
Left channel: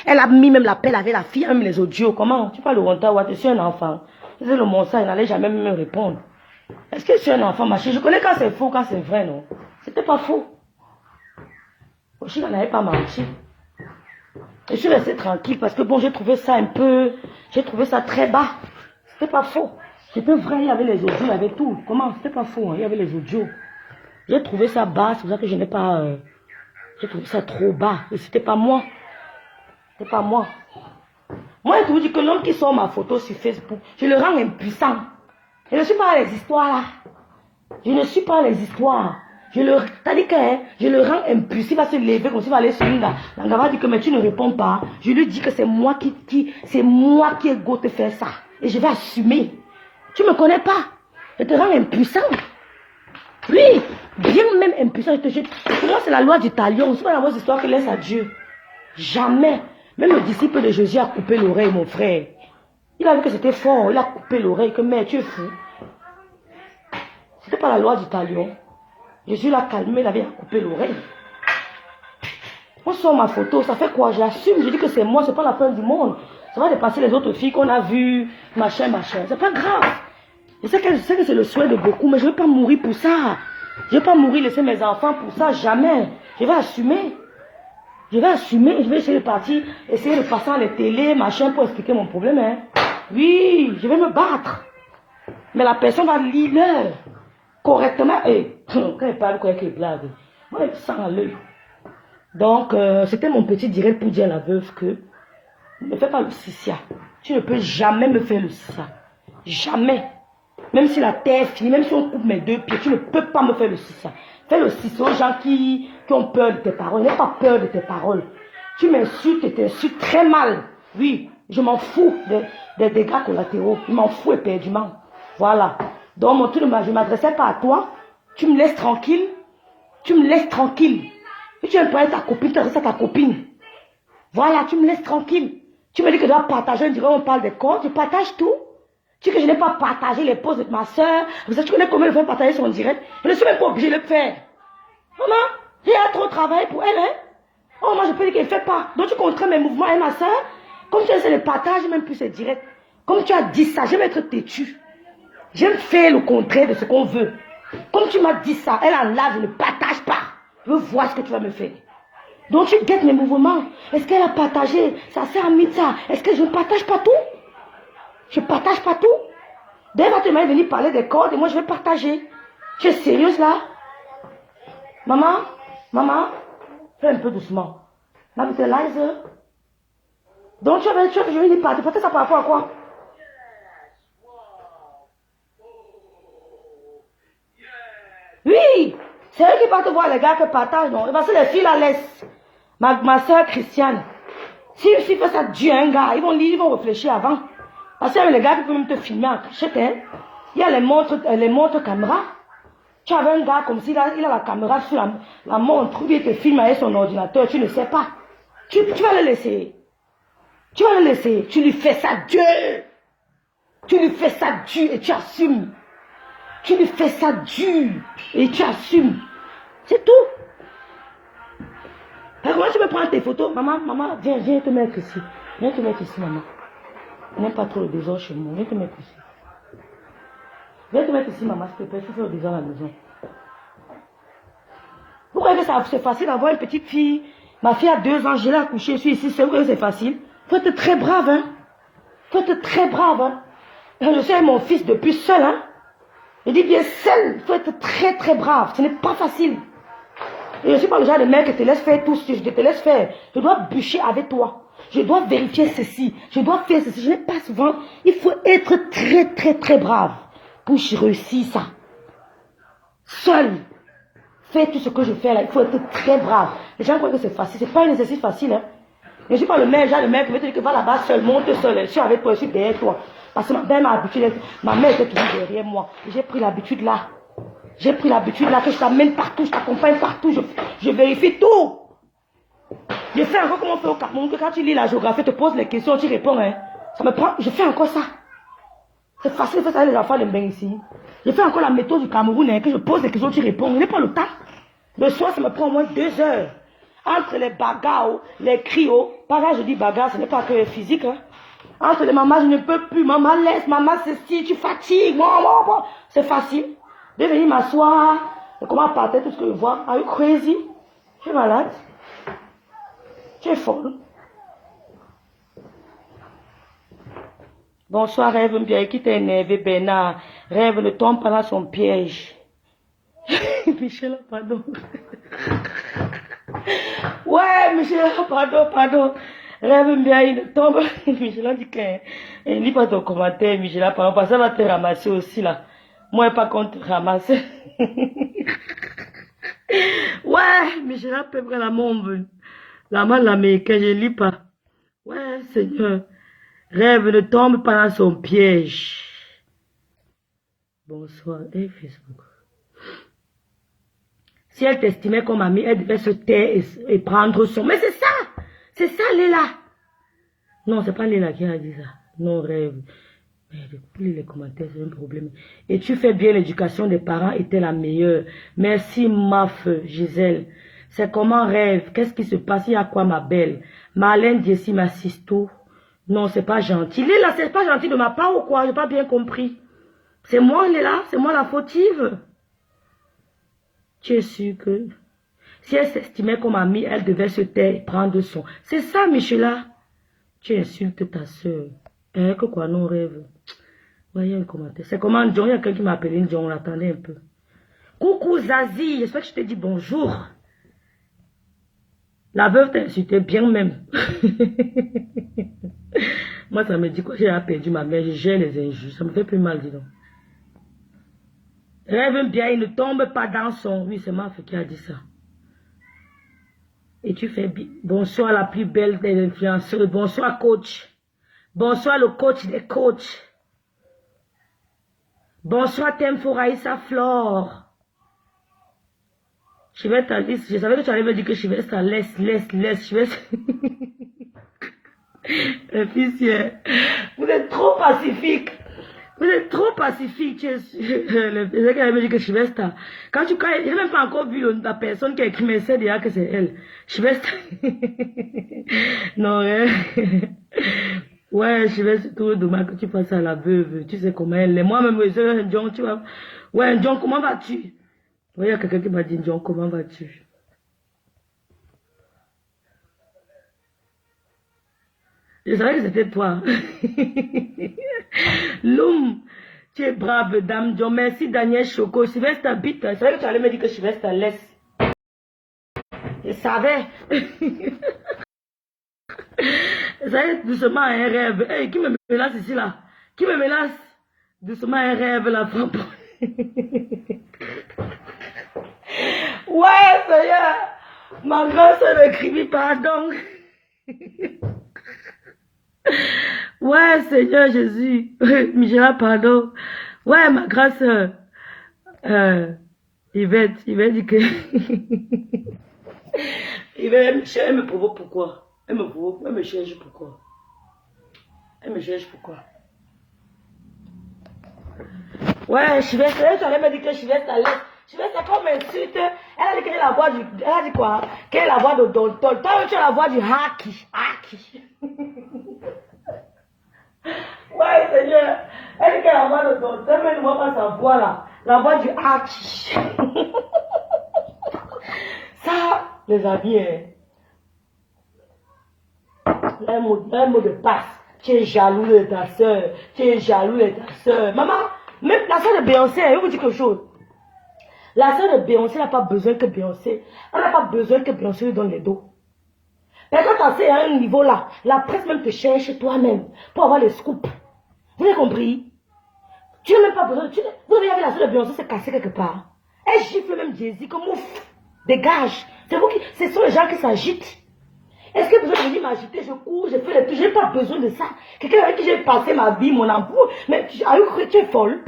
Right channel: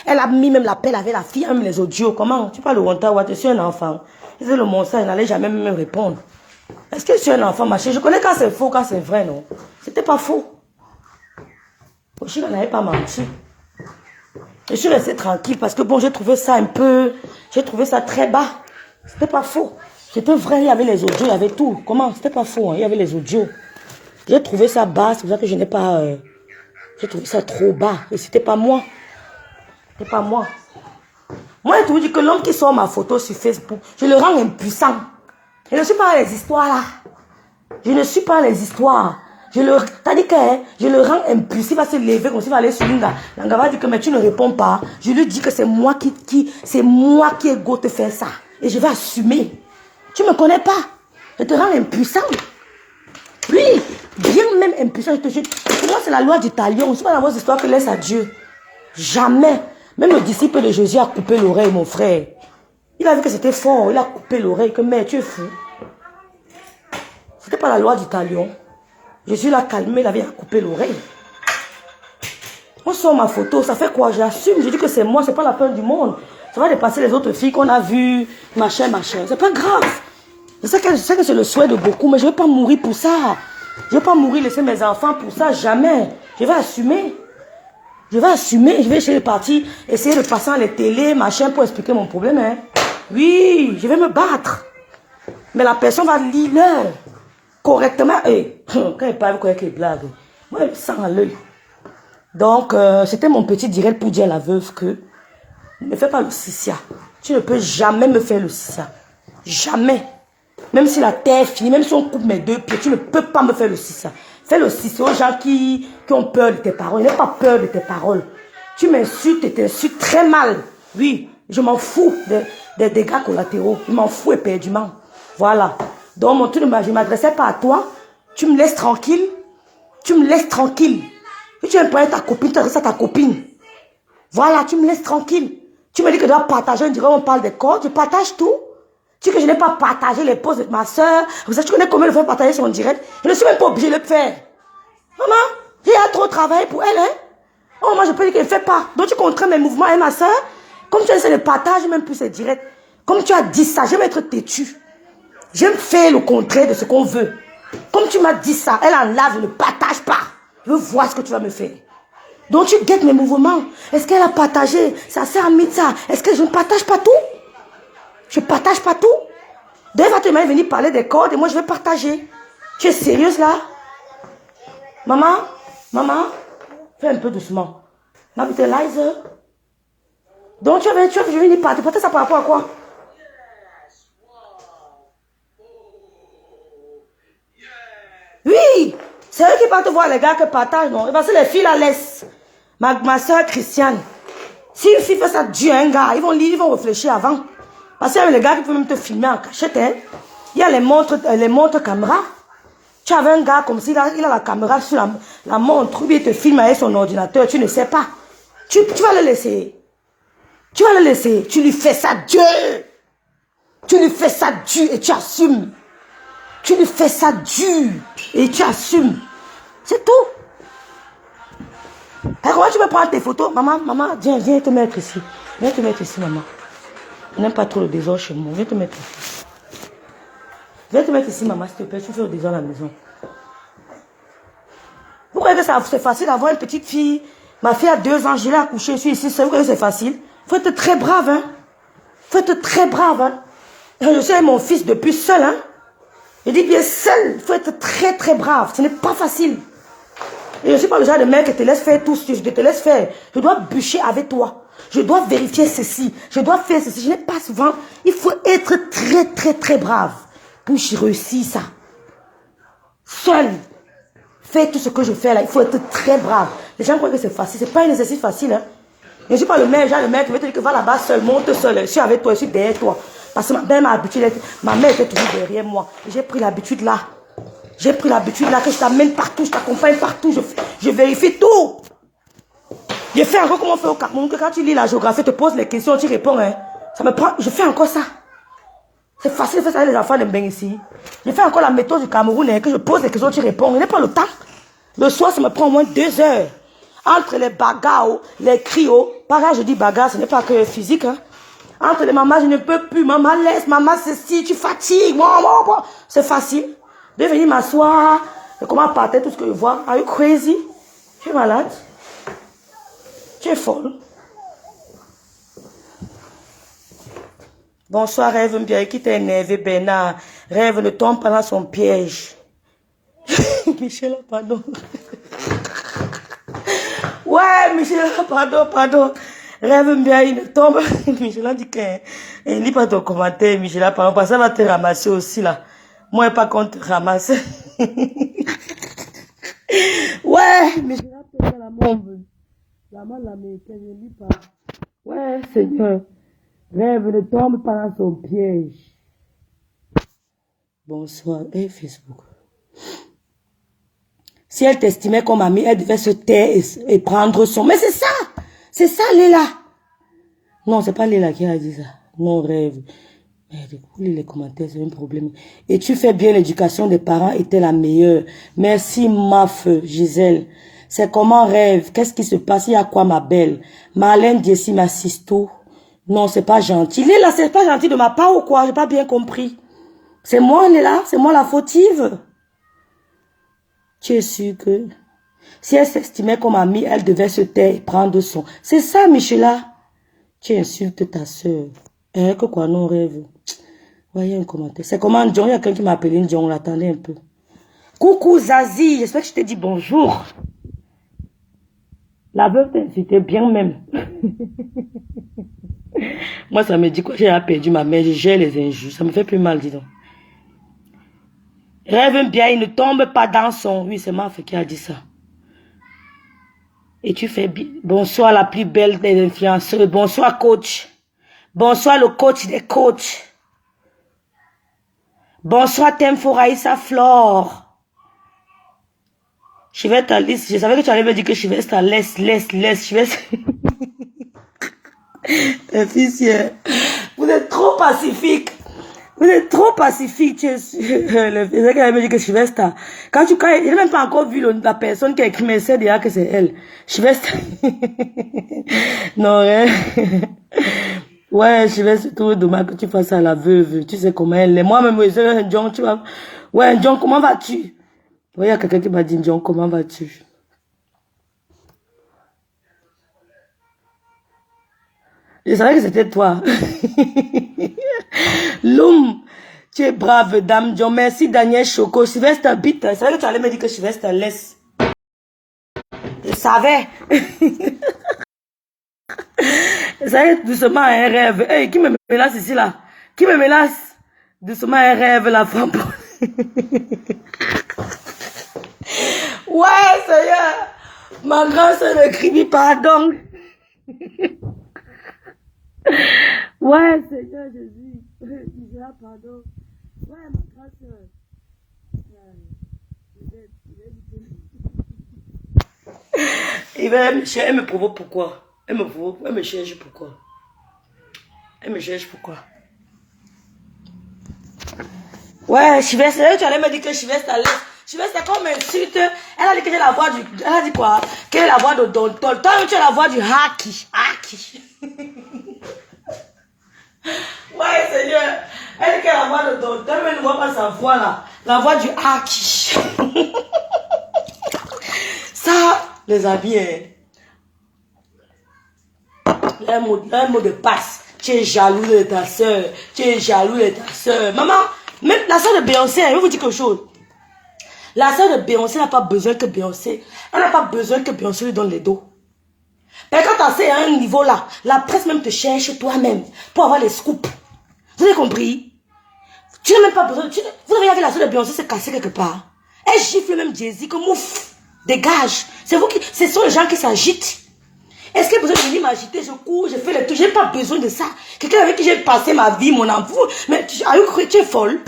Elle a mis même l'appel avec la fille, même les audios. Comment? Tu parles de montage WhatsApp? Je suis un enfant. Je veux le montrer, il n'allait jamais me répondre. Est-ce que je suis un enfant, ma chérie? Je connais quand c'est faux, quand c'est vrai, non? C'était pas faux. Je n'avais pas menti. Je suis restée tranquille parce que bon, j'ai trouvé ça un peu... J'ai trouvé ça très bas. C'était pas faux. C'était vrai, il y avait les audios, il y avait tout. Comment? C'était pas faux, hein? Il y avait les audios. J'ai trouvé ça bas, c'est pour ça que je n'ai pas... j'ai trouvé ça trop bas. Et c'était pas moi. C'était pas moi. Moi, je te dis que l'homme qui sort ma photo sur Facebook, je le rends impuissant. Je ne suis pas les histoires là. Je ne suis pas les histoires. T'as dit que je le rends impuissant. Il va se lever comme s'il va aller sur une L'anga va dire que mais tu ne réponds pas. Je lui dis que c'est moi qui ai go te faire ça. Et je vais assumer. Tu ne me connais pas. Je te rends impuissant. Oui, bien même impuissant, je te jure. Pour moi, c'est la loi du talion. C'est pas la mauvaise histoire que laisse à Dieu. Jamais. Même le disciple de Jésus a coupé l'oreille, mon frère. Il a vu que c'était fort. Il a coupé l'oreille. Que mais tu es fou. C'était pas la loi du talion. Jésus l'a calmé, il avait coupé l'oreille. On sort ma photo, ça fait quoi? J'assume, je dis que c'est moi, c'est pas la peur du monde. Ça va dépasser les autres filles qu'on a vues, machin, machin. C'est pas grave. Je sais que c'est le souhait de beaucoup, mais je ne vais pas mourir pour ça. Je ne vais pas mourir, laisser mes enfants pour ça, jamais. Je vais assumer. Je vais assumer, je vais chez les partis, essayer de passer à la télé, machin, pour expliquer mon problème. Hein. Oui, je vais me battre. Mais la personne va lire l'heure correctement. Et quand elle parle avec les blagues, moi, elle sent à l'œil. Donc, c'était mon petit direct pour dire à la veuve que ne fais pas le sissia. Tu ne peux jamais me faire le sissia. Jamais. Même si la terre est finie, même si on coupe mes deux pieds, tu ne peux pas me faire le sissia. Fais le sissia aux gens qui ont peur de tes paroles. N'aie pas peur de tes paroles. Tu m'insultes et t'insultes très mal. Oui, je m'en fous des dégâts collatéraux. Je m'en fous éperdument. Voilà. Donc, mon tour de je ne m'adressais pas à toi. Tu me laisses tranquille. Tu me laisses tranquille. Si tu aimes pas ta copine, tu t'adresses à ta copine. Voilà, tu me laisses tranquille. Tu me dis que tu dois partager, on dirait on parle des corps. Tu partages tout. Tu sais que je n'ai pas partagé les posts de ma soeur. Vous savez, tu connais combien de fois partager son direct. Je ne suis même pas obligée de le faire. Maman, il y a trop de travail pour elle. Hein? Oh, moi, je peux dire qu'elle ne fait pas. Donc, tu contrains mes mouvements et ma soeur. Comme tu essaies de partager même plus ses directs. Comme tu as dit ça, j'aime être têtu. J'aime faire le contraire de ce qu'on veut. Comme tu m'as dit ça, elle enlève, je ne partage pas. Je veux voir ce que tu vas me faire. Donc tu guettes mes mouvements. Est-ce qu'elle a partagé? Ça sert à Mitsa. Est-ce que je ne partage pas tout? Je ne partage pas tout. Dès va te venir parler des cordes et moi je vais partager. Tu es sérieuse là? Maman, fais un peu doucement. Now with Eliza. Donc tu veux venir parler. Peut-être ça par rapport à quoi? Oui, c'est eux qui partent voir les gars qui partagent, non? Parce que les filles la laissent. Ma soeur Christiane. Si une fille fait ça, Dieu un gars, ils vont réfléchir avant. Parce qu'il y a les gars qui peuvent même te filmer en cachette. Hein? Il y a les montres caméra. Tu avais un gars comme si il a la caméra sur la montre, ou bien il te filme avec son ordinateur, tu ne sais pas. Tu vas le laisser. Tu vas le laisser. Tu lui fais ça, Dieu. Tu lui fais ça, Dieu, et tu assumes. Tu lui fais ça dur et tu assumes. C'est tout. Alors, comment tu peux prendre tes photos? Maman, viens te mettre ici. Viens te mettre ici, maman. On n'aime pas trop le désordre chez moi. Viens te mettre ici. Viens te mettre ici, maman, s'il te plaît. Tu fais le désordre à la maison. Vous croyez que c'est facile d'avoir une petite fille? Ma fille a 2 ans, je l'ai accouchée, je suis ici. Vous croyez que c'est facile? Il faut être très brave, hein. Il faut être très brave, hein. Je suis avec mon fils depuis seul, hein. Je dis bien seul, il faut être très très brave. Ce n'est pas facile. Et je ne suis pas le genre de mec qui te laisse faire tout ce que je te laisse faire. Je dois bûcher avec toi. Je dois vérifier ceci. Je dois faire ceci. Je n'ai pas souvent. Il faut être très très très brave pour réussir ça. Seul. Fais tout ce que je fais là. Il faut être très brave. Les gens croient que c'est facile. Ce n'est pas un exercice facile. Hein. Je ne suis pas le mec qui veut te dire que va là-bas seul, monte seul. Je suis avec toi, je suis derrière toi. Parce que ma mère était toujours derrière moi. J'ai pris l'habitude là. J'ai pris l'habitude là que je t'amène partout, je t'accompagne partout, je vérifie tout. Je fais encore comme on fait au Cameroun, que quand tu lis la géographie, tu te poses les questions, tu réponds. Hein. Ça me prend, je fais encore ça. C'est facile de faire ça avec les enfants de Mbeng ici. Je fais encore la méthode du Cameroun, hein, que je pose les questions, tu réponds. Je n'ai pas le temps. Le soir, ça me prend au moins 2 heures. Entre les bagarres, les cris, pareil, je dis bagarre, ce n'est pas que physique. Hein. Entre les mamans, je ne peux plus, maman laisse, maman ceci, tu fatigues, maman. C'est facile. De venir m'asseoir, de comment partir tout ce que je vois. Are you crazy? Tu es malade? Tu es folle? Bonsoir, Rêve bien, qui t'a énervé, Bernard. Rêve ne tombe pas dans son piège. Michel, pardon. Ouais, Michel, pardon. Rêve bien, il ne tombe. Michel a dit qu'il ne lit pas ton commentaire, Michel, pardon, parce que ça va te ramasser aussi, là. Moi, pas contre ramasser. Ouais, Michel peut faire la mombe. La main l'américaine, je ne lis pas. Ouais, Seigneur. Rêve ne tombe pas dans son piège. Bonsoir, et Facebook. Si elle t'estimait comme amie, elle devait se taire et prendre son... Mais c'est ça, Léla. Non, c'est pas Léla qui a dit ça. Non, Rêve. Mais les commentaires, c'est un problème. Et tu fais bien, l'éducation des parents était la meilleure. Merci, ma feu, Gisèle. C'est comment, Rêve? Qu'est-ce qui se passe? Il y a quoi, ma belle? Marlène Jessie m'assiste tout. Non, c'est pas gentil. Léla, c'est pas gentil de ma part ou quoi? J'ai pas bien compris. C'est moi, Léla? C'est moi la fautive? Tu es sûr que si elle s'estimait comme amie, elle devait se taire et prendre son... C'est ça, Michela. Tu insultes ta soeur. Hein, que quoi, non, Rêve? Ouais, il y a un commentaire. C'est comment, John? Il y a quelqu'un qui m'a appelé John. Attendez un peu. Coucou, Zazie. J'espère que je te dis bonjour. La veuve t'a insulté bien même. Moi, ça me dit quoi? J'ai perdu ma mère. Je gère les injures. Ça me fait plus mal, dis donc. Rêve bien, il ne tombe pas dans son... Oui, c'est Maf qui a dit ça. Et tu fais bien. Bonsoir, la plus belle des influenceurs. Bonsoir, coach. Bonsoir, le coach des coachs. Bonsoir, Temfo Raïssa Flore. Je vais ta liste. Je savais que tu allais me dire que je vais ta laisse. Je vais... Vous êtes trop pacifique. Vous êtes trop pacifique. Le gars me dit que Chivesta. Quand je n'ai même pas encore vu la personne qui a écrit, mais c'est déjà que c'est elle. Chivesta. Non, hein. Ouais, Chivesta, c'est trop dommage que tu fasses à la veuve. Tu sais comment elle est. Moi-même, tu vas Ouais, John, comment vas-tu? Oui, il y a quelqu'un qui m'a dit, John, comment vas-tu? Je savais que c'était toi. Loum, tu es brave, dame John. Merci, Daniel Choco. Sylvester Bit. Je savais que tu allais me dire que Sylvester laisse. Je savais. Je savais doucement un rêve. Hey, qui me mélasse ici, là? Qui me mélasse? Doucement un rêve, la femme. Ouais, Seigneur. Ma grâce ne crie pardon. Ouais, Seigneur Jésus. Michela, pardon. Ouais, ma grâce. Il va dire que. Elle me provoque pourquoi? Elle me provoque, elle me cherche pourquoi? Elle me cherche pourquoi? Ouais, Sylvester, tu allais me dire que Sylvester laisse. Sylvester, quand on m'insulte, elle a dit que j'ai la voix du. Elle a dit quoi? Quelle est la voix de Don Tol? Toi, tu as la voix du Haki. Haki. Ouais, Seigneur. Elle dit qu'elle a la voix de Don Tol, mais elle ne voit pas sa voix là. La voix du Haki. Ça, les amis, un mot de passe. Tu es jaloux de ta soeur. Tu es jaloux de ta soeur. Maman, même la soeur de Beyoncé, je vais vous dire quelque chose. La soeur de Beyoncé n'a pas besoin que Beyoncé. Elle n'a pas besoin que Beyoncé lui donne les dos. Mais quand tu es à un niveau là, la presse même te cherche toi-même pour avoir les scoops. Vous avez compris? Tu n'as même pas besoin. Vous avez vu la soeur de Beyoncé se casser quelque part. Elle gifle même Jay-Z comme ouf. Dégage. C'est vous qui. Ce sont les gens qui s'agitent. Est-ce que vous avez venir m'agiter? Je cours, je fais le tout. Je n'ai pas besoin de ça. Quelqu'un avec qui j'ai passé ma vie, mon amour. Mais tu es folle.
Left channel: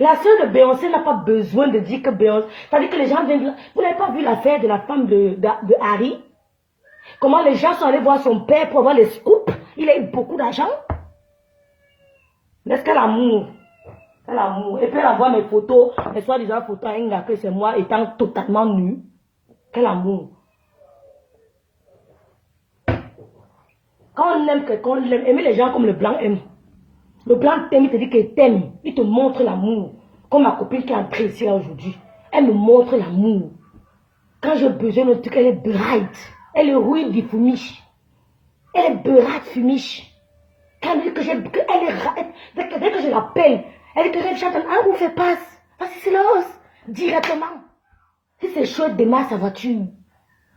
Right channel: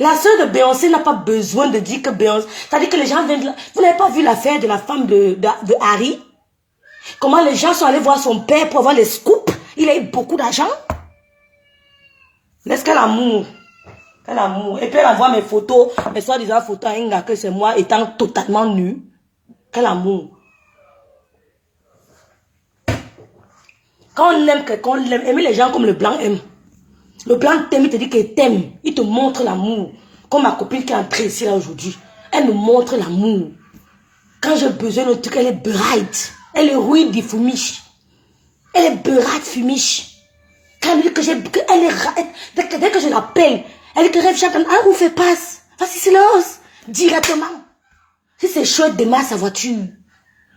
La soeur de Beyoncé n'a pas besoin de dire que Beyoncé. C'est-à-dire que les gens viennent. Vous n'avez pas vu l'affaire de la femme de Harry? Comment les gens sont allés voir son père pour avoir les scoops? Il a eu beaucoup d'argent. Laisse qu'elle amour. Quel amour. Et puis elle envoie mes photos, mes soi-disant photos à Inga, que c'est moi étant totalement nu. Quel amour. Quand on aime quelqu'un, on aime. Aimer les gens comme le blanc aime. Le blanc t'aime, il te dit qu'il t'aime. Il te montre l'amour. Comme ma copine qui est entrée ici là aujourd'hui. Elle me montre l'amour. Quand j'ai besoin d'un truc, elle est bright. Elle est rude du fumiche. Elle est bright fumiche. Quand elle me dit que elle est dès que je l'appelle, elle dit que rêve chacun. Ah, on fait passe. Vas-y, silence. Directement. Si c'est chouette, démarre sa voiture.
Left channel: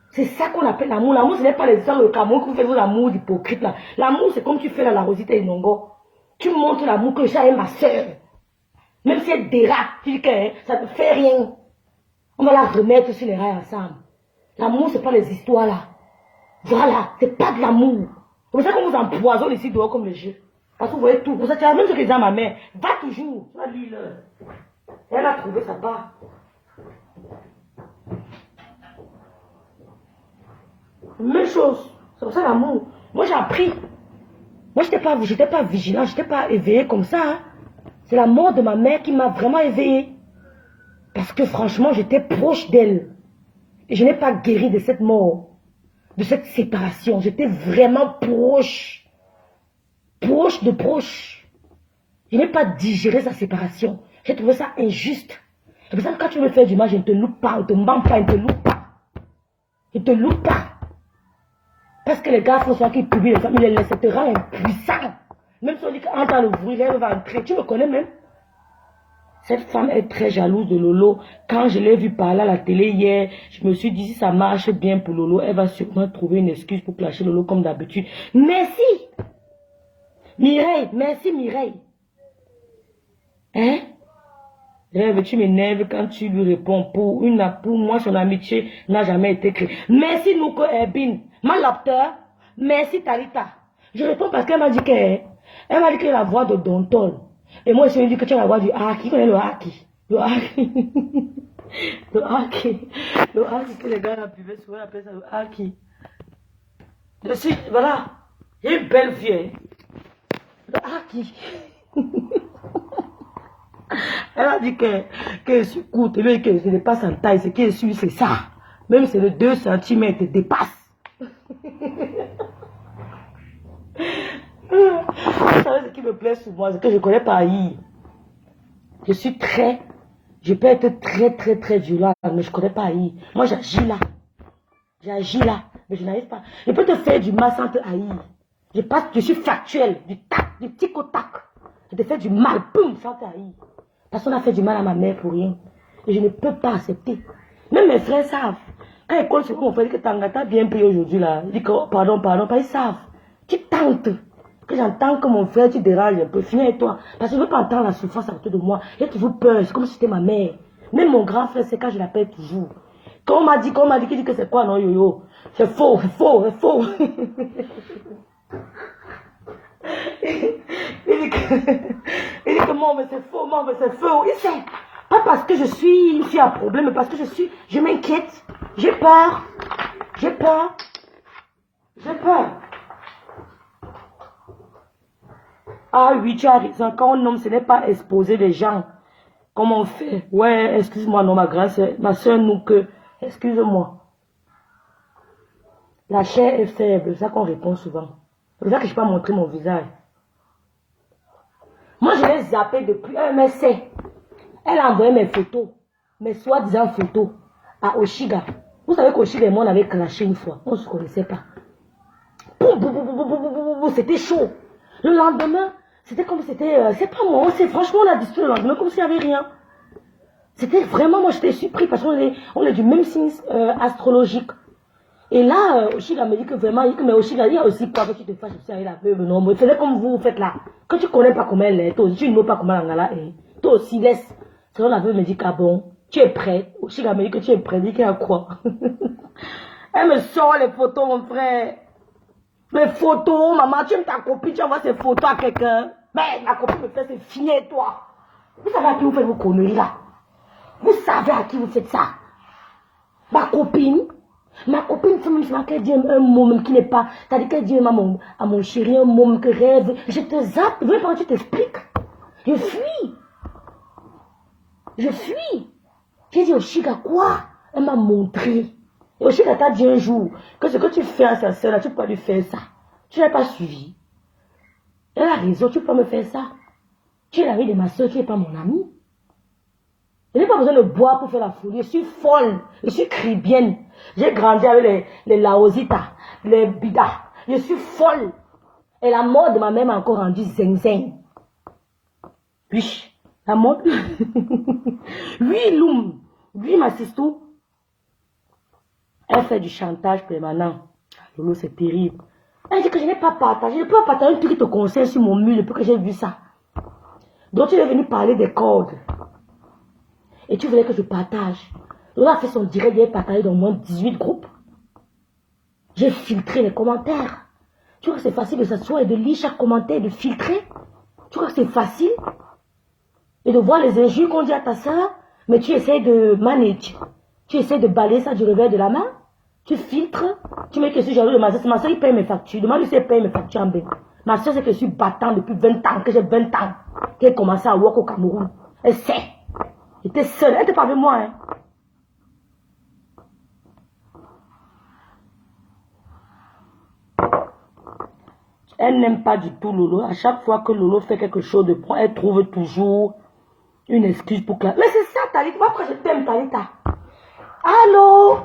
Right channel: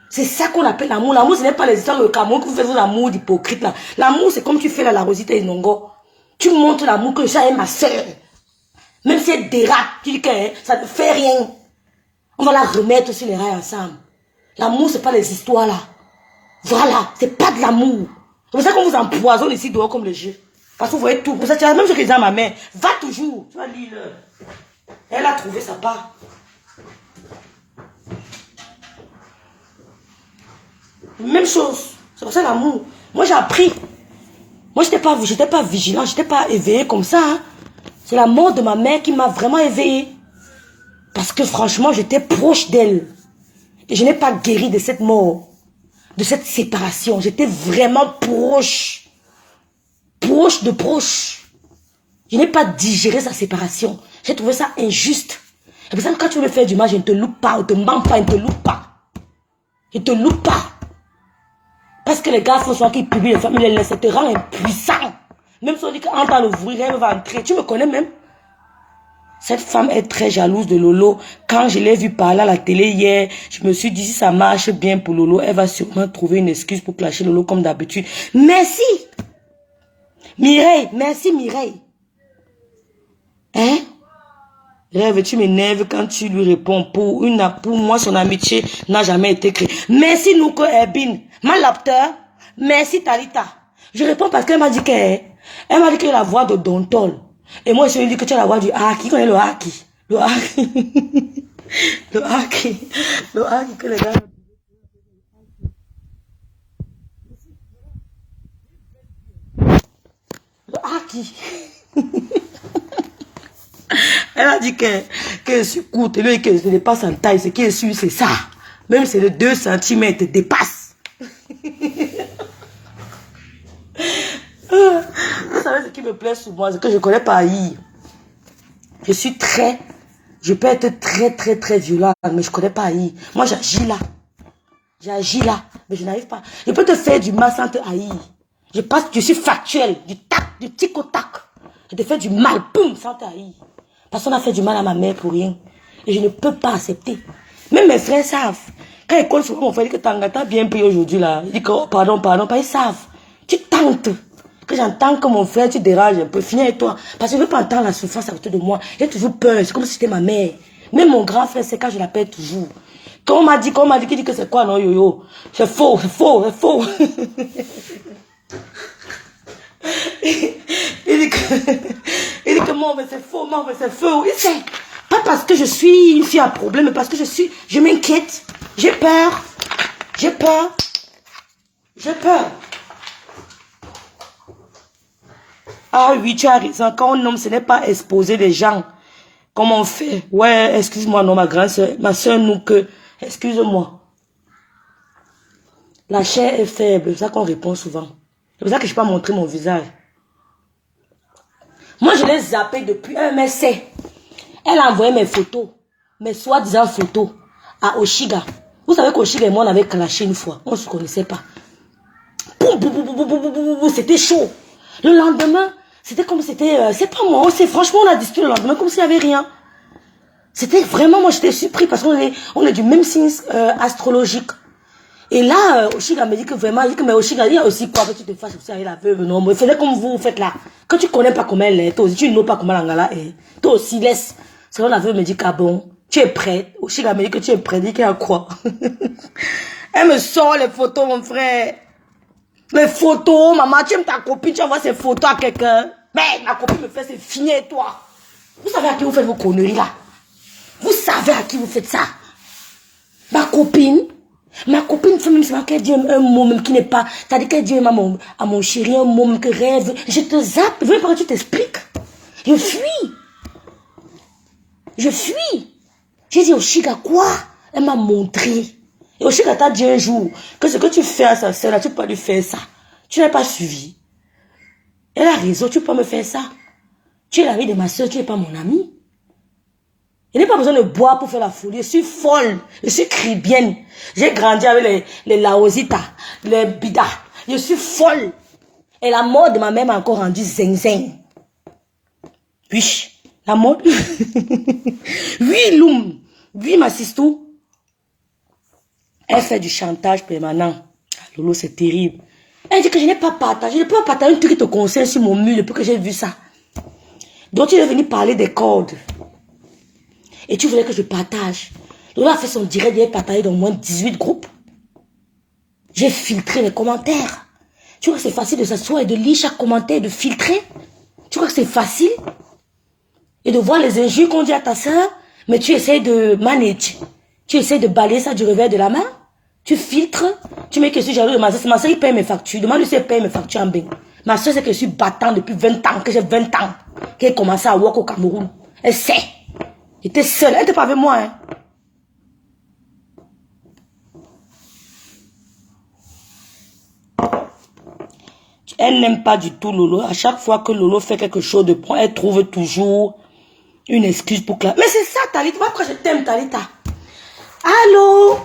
C'est ça qu'on appelle l'amour. L'amour, ce n'est pas les histoires de Cameroun que vous faites l'amour d'hypocrite là. L'amour, c'est comme tu fais la Rosita et Nongo. Tu montres l'amour que ça est ma soeur. Même si elle dérape, tu dis que ça ne fait rien. On va la remettre sur les rails ensemble. L'amour, c'est pas les histoires là. Voilà, c'est pas de l'amour. C'est pour ça qu'on vous empoisonne ici dehors comme le jeu. Parce que vous voyez tout. Pour ça, tu as même ce que j'ai à ma main. Va toujours. Tu vas lire. Elle a trouvé sa part. Même chose. C'est pour ça l'amour. Moi, j'ai appris. Moi, j'étais pas vigilant. J'étais pas éveillé comme ça. Hein. C'est la mort de ma mère qui m'a vraiment éveillé. Parce que franchement, j'étais proche d'elle. Et je n'ai pas guéri de cette mort. De cette séparation. J'étais vraiment proche. Proche de proche. Je n'ai pas digéré sa séparation. J'ai trouvé ça injuste. Et pour ça, quand tu veux me faire du mal, je ne te loupe pas. Je ne te mens pas. Je ne te loupe pas. Je ne te loupe pas. Parce que les gars, François, qui publient les femmes, ils les laissent, ça te rend impuissant. Même si on dit qu'en temps d'ouvrir, elle va entrer. Tu me connais même. Cette femme est très jalouse de Lolo. Quand je l'ai vue parler à la télé hier, je me suis dit, si ça marche bien pour Lolo, elle va sûrement trouver une excuse pour clasher Lolo comme d'habitude. Merci. Mireille, merci Mireille. Hein? Rêve, tu m'énerves quand tu lui réponds. Pour moi, son amitié n'a jamais été créée. Merci Nouko Erbin. Malapteur. Merci Talita. Je réponds parce qu'elle m'a dit que la voix de Dontol. Et moi, je lui ai dit que tu as la voix du Haki. Qui connaît le Haki? Le Haki. Le Haki. Le Haki que les gars buvaient souvent appellent ça le Haki. Je suis, voilà. J'ai une belle fille. Le Haki. Elle a dit que je courte, et que je dépasse en taille. Ce qui est sûr, c'est ça. Même si le 2 cm dépasse. Vous savez ce qui me plaît sur moi, c'est que je ne connais pas haïr. Je suis très Je peux être très, très, très violent, mais je ne connais pas haïr. Moi, j'agis là. J'agis là, mais je n'arrive pas. Je peux te faire du mal sans te haïr. Je suis factuel, du tac, du tic au tac. Je te fais du mal, boum, sans te haïr. Parce qu'on a fait du mal à ma mère pour rien. Et je ne peux pas accepter. Même mes frères savent. Quand ils comptent sur mon frère, il dit que t'as bien payé aujourd'hui là. Il dit que oh, pardon, pas, ils savent. Tu tentes. Que j'entends que mon frère, tu déranges un peu. Finis avec toi. Parce que je ne veux pas entendre la souffrance à côté de moi. J'ai toujours peur. C'est comme si c'était ma mère. Même mon grand frère, c'est quand je l'appelle toujours. Quand on m'a dit qu'il dit que c'est quoi, non, yo-yo? C'est faux, c'est faux, c'est faux. il dit que non, mais c'est faux, non, mais c'est faux. Il sait. Pas parce que je suis une fille à problème, mais parce que je m'inquiète. J'ai peur. J'ai peur. J'ai peur. Ah oui, tu as raison. Quand on nomme, ce n'est pas exposer des gens. Comment on fait? Ouais, excuse-moi, non, ma grande soeur, ma soeur, nous que... Excuse-moi. La chair est faible, c'est ça qu'on répond souvent. C'est pour ça que je ne peux pas montrer mon visage. Moi, je l'ai zappé depuis un mais c'est. Elle a envoyé mes photos, mes soi-disant photos, à Oshiga. Vous savez qu'Oshiga et moi, on avait clashé une fois. On ne se connaissait pas. C'était chaud. Le lendemain, c'était comme c'était... c'est pas moi, franchement, on a discuté le lendemain comme s'il n'y avait rien. C'était vraiment, moi j'étais surpris parce qu'on est du même signe astrologique. Et là, Oshiga me dit que vraiment, il dit que mais Oshiga, il y a aussi quoi que tu te fasses aussi avec la veuve, non, mais fais comme vous faites là. Quand tu connais pas comment elle est, toi aussi, tu ne sais pas comment l'angala est. Toi aussi, laisse. Sinon la veuve me dit qu'à bon, tu es prête. Oshiga me dit que tu es prête, dit qu'elle a quoi. Elle me sort les photos, mon frère. Les photos, maman, tu aimes ta copine, tu envoies ces photos à quelqu'un. Mais ma copine me fait, c'est fini et toi. Vous savez à qui vous faites vos conneries là? Vous savez à qui vous faites ça? Ma copine fait même seulement qu'elle dit un mot même qui n'est pas... C'est-à-dire qu'elle dit à mon chéri un mot même que rêve. Je te zappe. Je veux pas que tu t'expliques. Je fuis. J'ai dit, Oshiga, quoi? Elle m'a montré. Et Oshiga t'a dit un jour que ce que tu fais à sa soeur, là, tu peux pas lui faire ça. Tu n'as pas suivi. Elle a raison, tu peux pas me faire ça. Tu es l'ami de ma soeur, tu n'es pas mon ami. Il n'y a pas besoin de boire pour faire la folie. Je suis folle. Je suis cribienne. J'ai grandi avec les laositas, les bidas. Je suis folle. Et la mort de ma mère m'a encore rendu zing-zing. Oui, la mort. Oui, Loum. Oui, ma sistou. Elle fait du chantage permanent. Lolo, c'est terrible. Elle dit que je n'ai pas partagé. Je ne peux pas partager un truc qui te concerne sur mon mur depuis que j'ai vu ça. Donc, il est venu parler des cordes. Et tu voulais que je partage. Lola a fait son direct, il a partagé dans au moins 18 groupes. J'ai filtré les commentaires. Tu vois que c'est facile de s'asseoir et de lire chaque commentaire et de filtrer? Tu vois que c'est facile? Et de voir les injures qu'on dit à ta soeur, mais tu essaies de manager. Tu essaies de balayer ça du revers de la main. Tu filtres. Tu mets que je suis jaloux de ma soeur. Ma soeur, il paye mes factures. Demande-lui si elle paye mes factures en bain. Ma soeur, c'est que je suis battant depuis 20 ans, que j'ai 20 ans, qu'elle a commencé à work au Cameroun. Elle sait. J'étais seule. Elle n'était pas avec moi. Hein. Elle n'aime pas du tout Lolo. À chaque fois que Lolo fait quelque chose de bon, elle trouve toujours une excuse pour que... Mais c'est ça, Talita. Pourquoi je t'aime, Talita? Allô?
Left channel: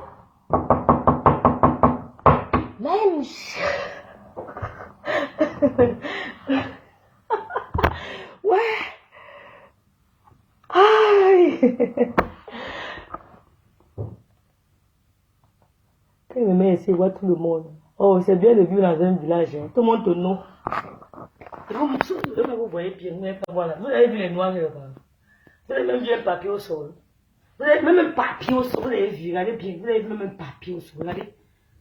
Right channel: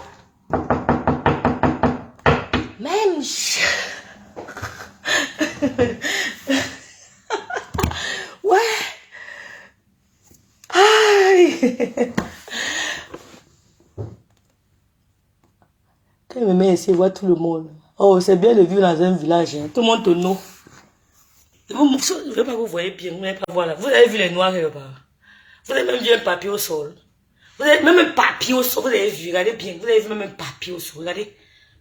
Même... Ouais. Aïe. Quand il me met ici, il voit tout le monde. Oh, c'est bien de vivre dans un village. Hein. Tout le monde te nomme. Je ne vais pas vous voyez bien. Vous n'allez pas voir là. Vous avez vu les noirs là-bas. Vous avez même vu un papier au sol. Vous avez même un papier au sol. Vous avez vu, regardez bien. Vous avez vu même un papier au sol. Regardez.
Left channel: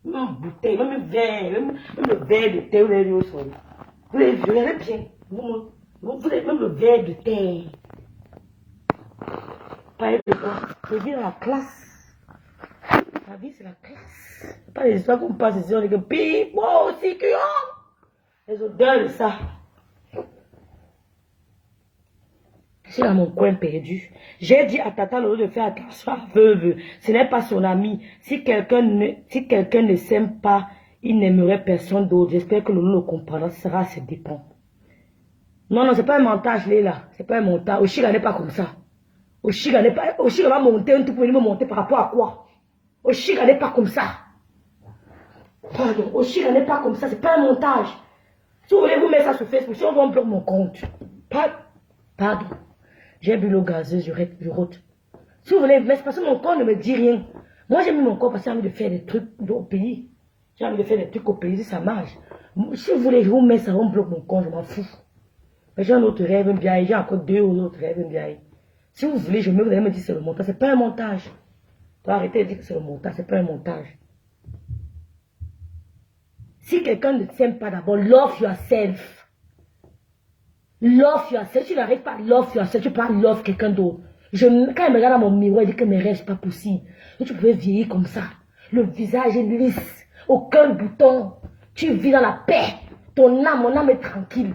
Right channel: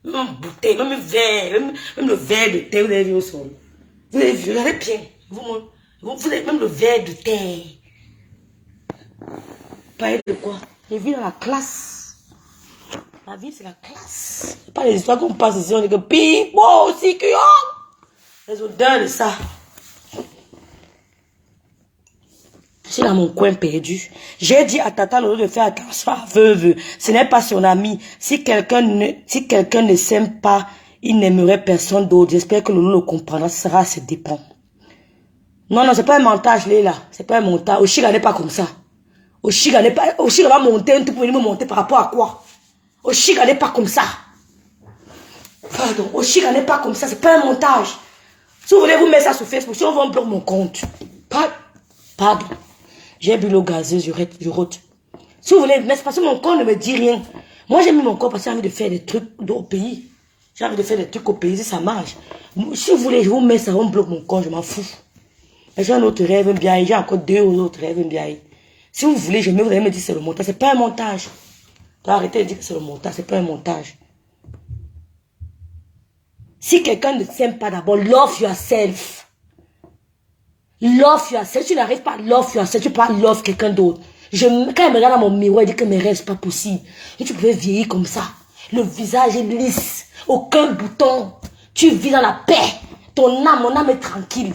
Même une bouteille, même un verre. Même le verre de thé, vous avez vu au sol. Vous avez vu, regardez bien. Vous avez même le verre de thé. Parlez de quoi? Je vis dans la classe. La vie, c'est la classe. C'est pas les histoires qu'on passe ici, on dit que ping, bon, si, les odeurs de ça. Je suis dans mon coin perdu. J'ai dit à Tata Lolo de faire attention à veuve. Ce n'est pas son ami. Si quelqu'un ne s'aime pas, il n'aimerait personne d'autre. J'espère que Lolo le comprendra. Ce sera à ses dépens. Non, c'est pas un montage, là. C'est pas un montage. Oshiga n'est pas comme ça. Oshiga n'est pas... Oshiga va monter un truc pour venir me monter par rapport à quoi? Oshiga n'est pas comme ça. Pardon, Oshiga n'est pas comme ça, c'est pas un montage. Si vous voulez vous mettre ça sur Facebook, si on va bloquer mon compte. Pardon. J'ai bu l'eau gazeuse, je rote. Si vous voulez, mais c'est parce que mon corps ne me dit rien. Moi, j'ai mis mon corps parce que j'ai envie de faire des trucs au pays. J'ai envie de faire des trucs au pays, si ça marche. Si vous voulez, je vous mets ça, on bloque mon compte, je m'en fous. J'ai un autre rêve bien, j'ai encore 2 autres rêves bien. Si vous voulez, vous allez me dire c'est le montage. C'est pas un montage. Arrêtez de dire que c'est le montage, c'est pas un montage. Si quelqu'un ne t'aime pas d'abord, love yourself. Love yourself. Si tu n'arrives pas à love yourself, tu peux pas love quelqu'un d'autre. Quand je me regarde dans mon miroir, je dis que mes rêves, c'est pas possible. Et tu pouvais vieillir comme ça. Le visage est lisse. Aucun bouton. Tu vis dans la paix. Mon âme est tranquille.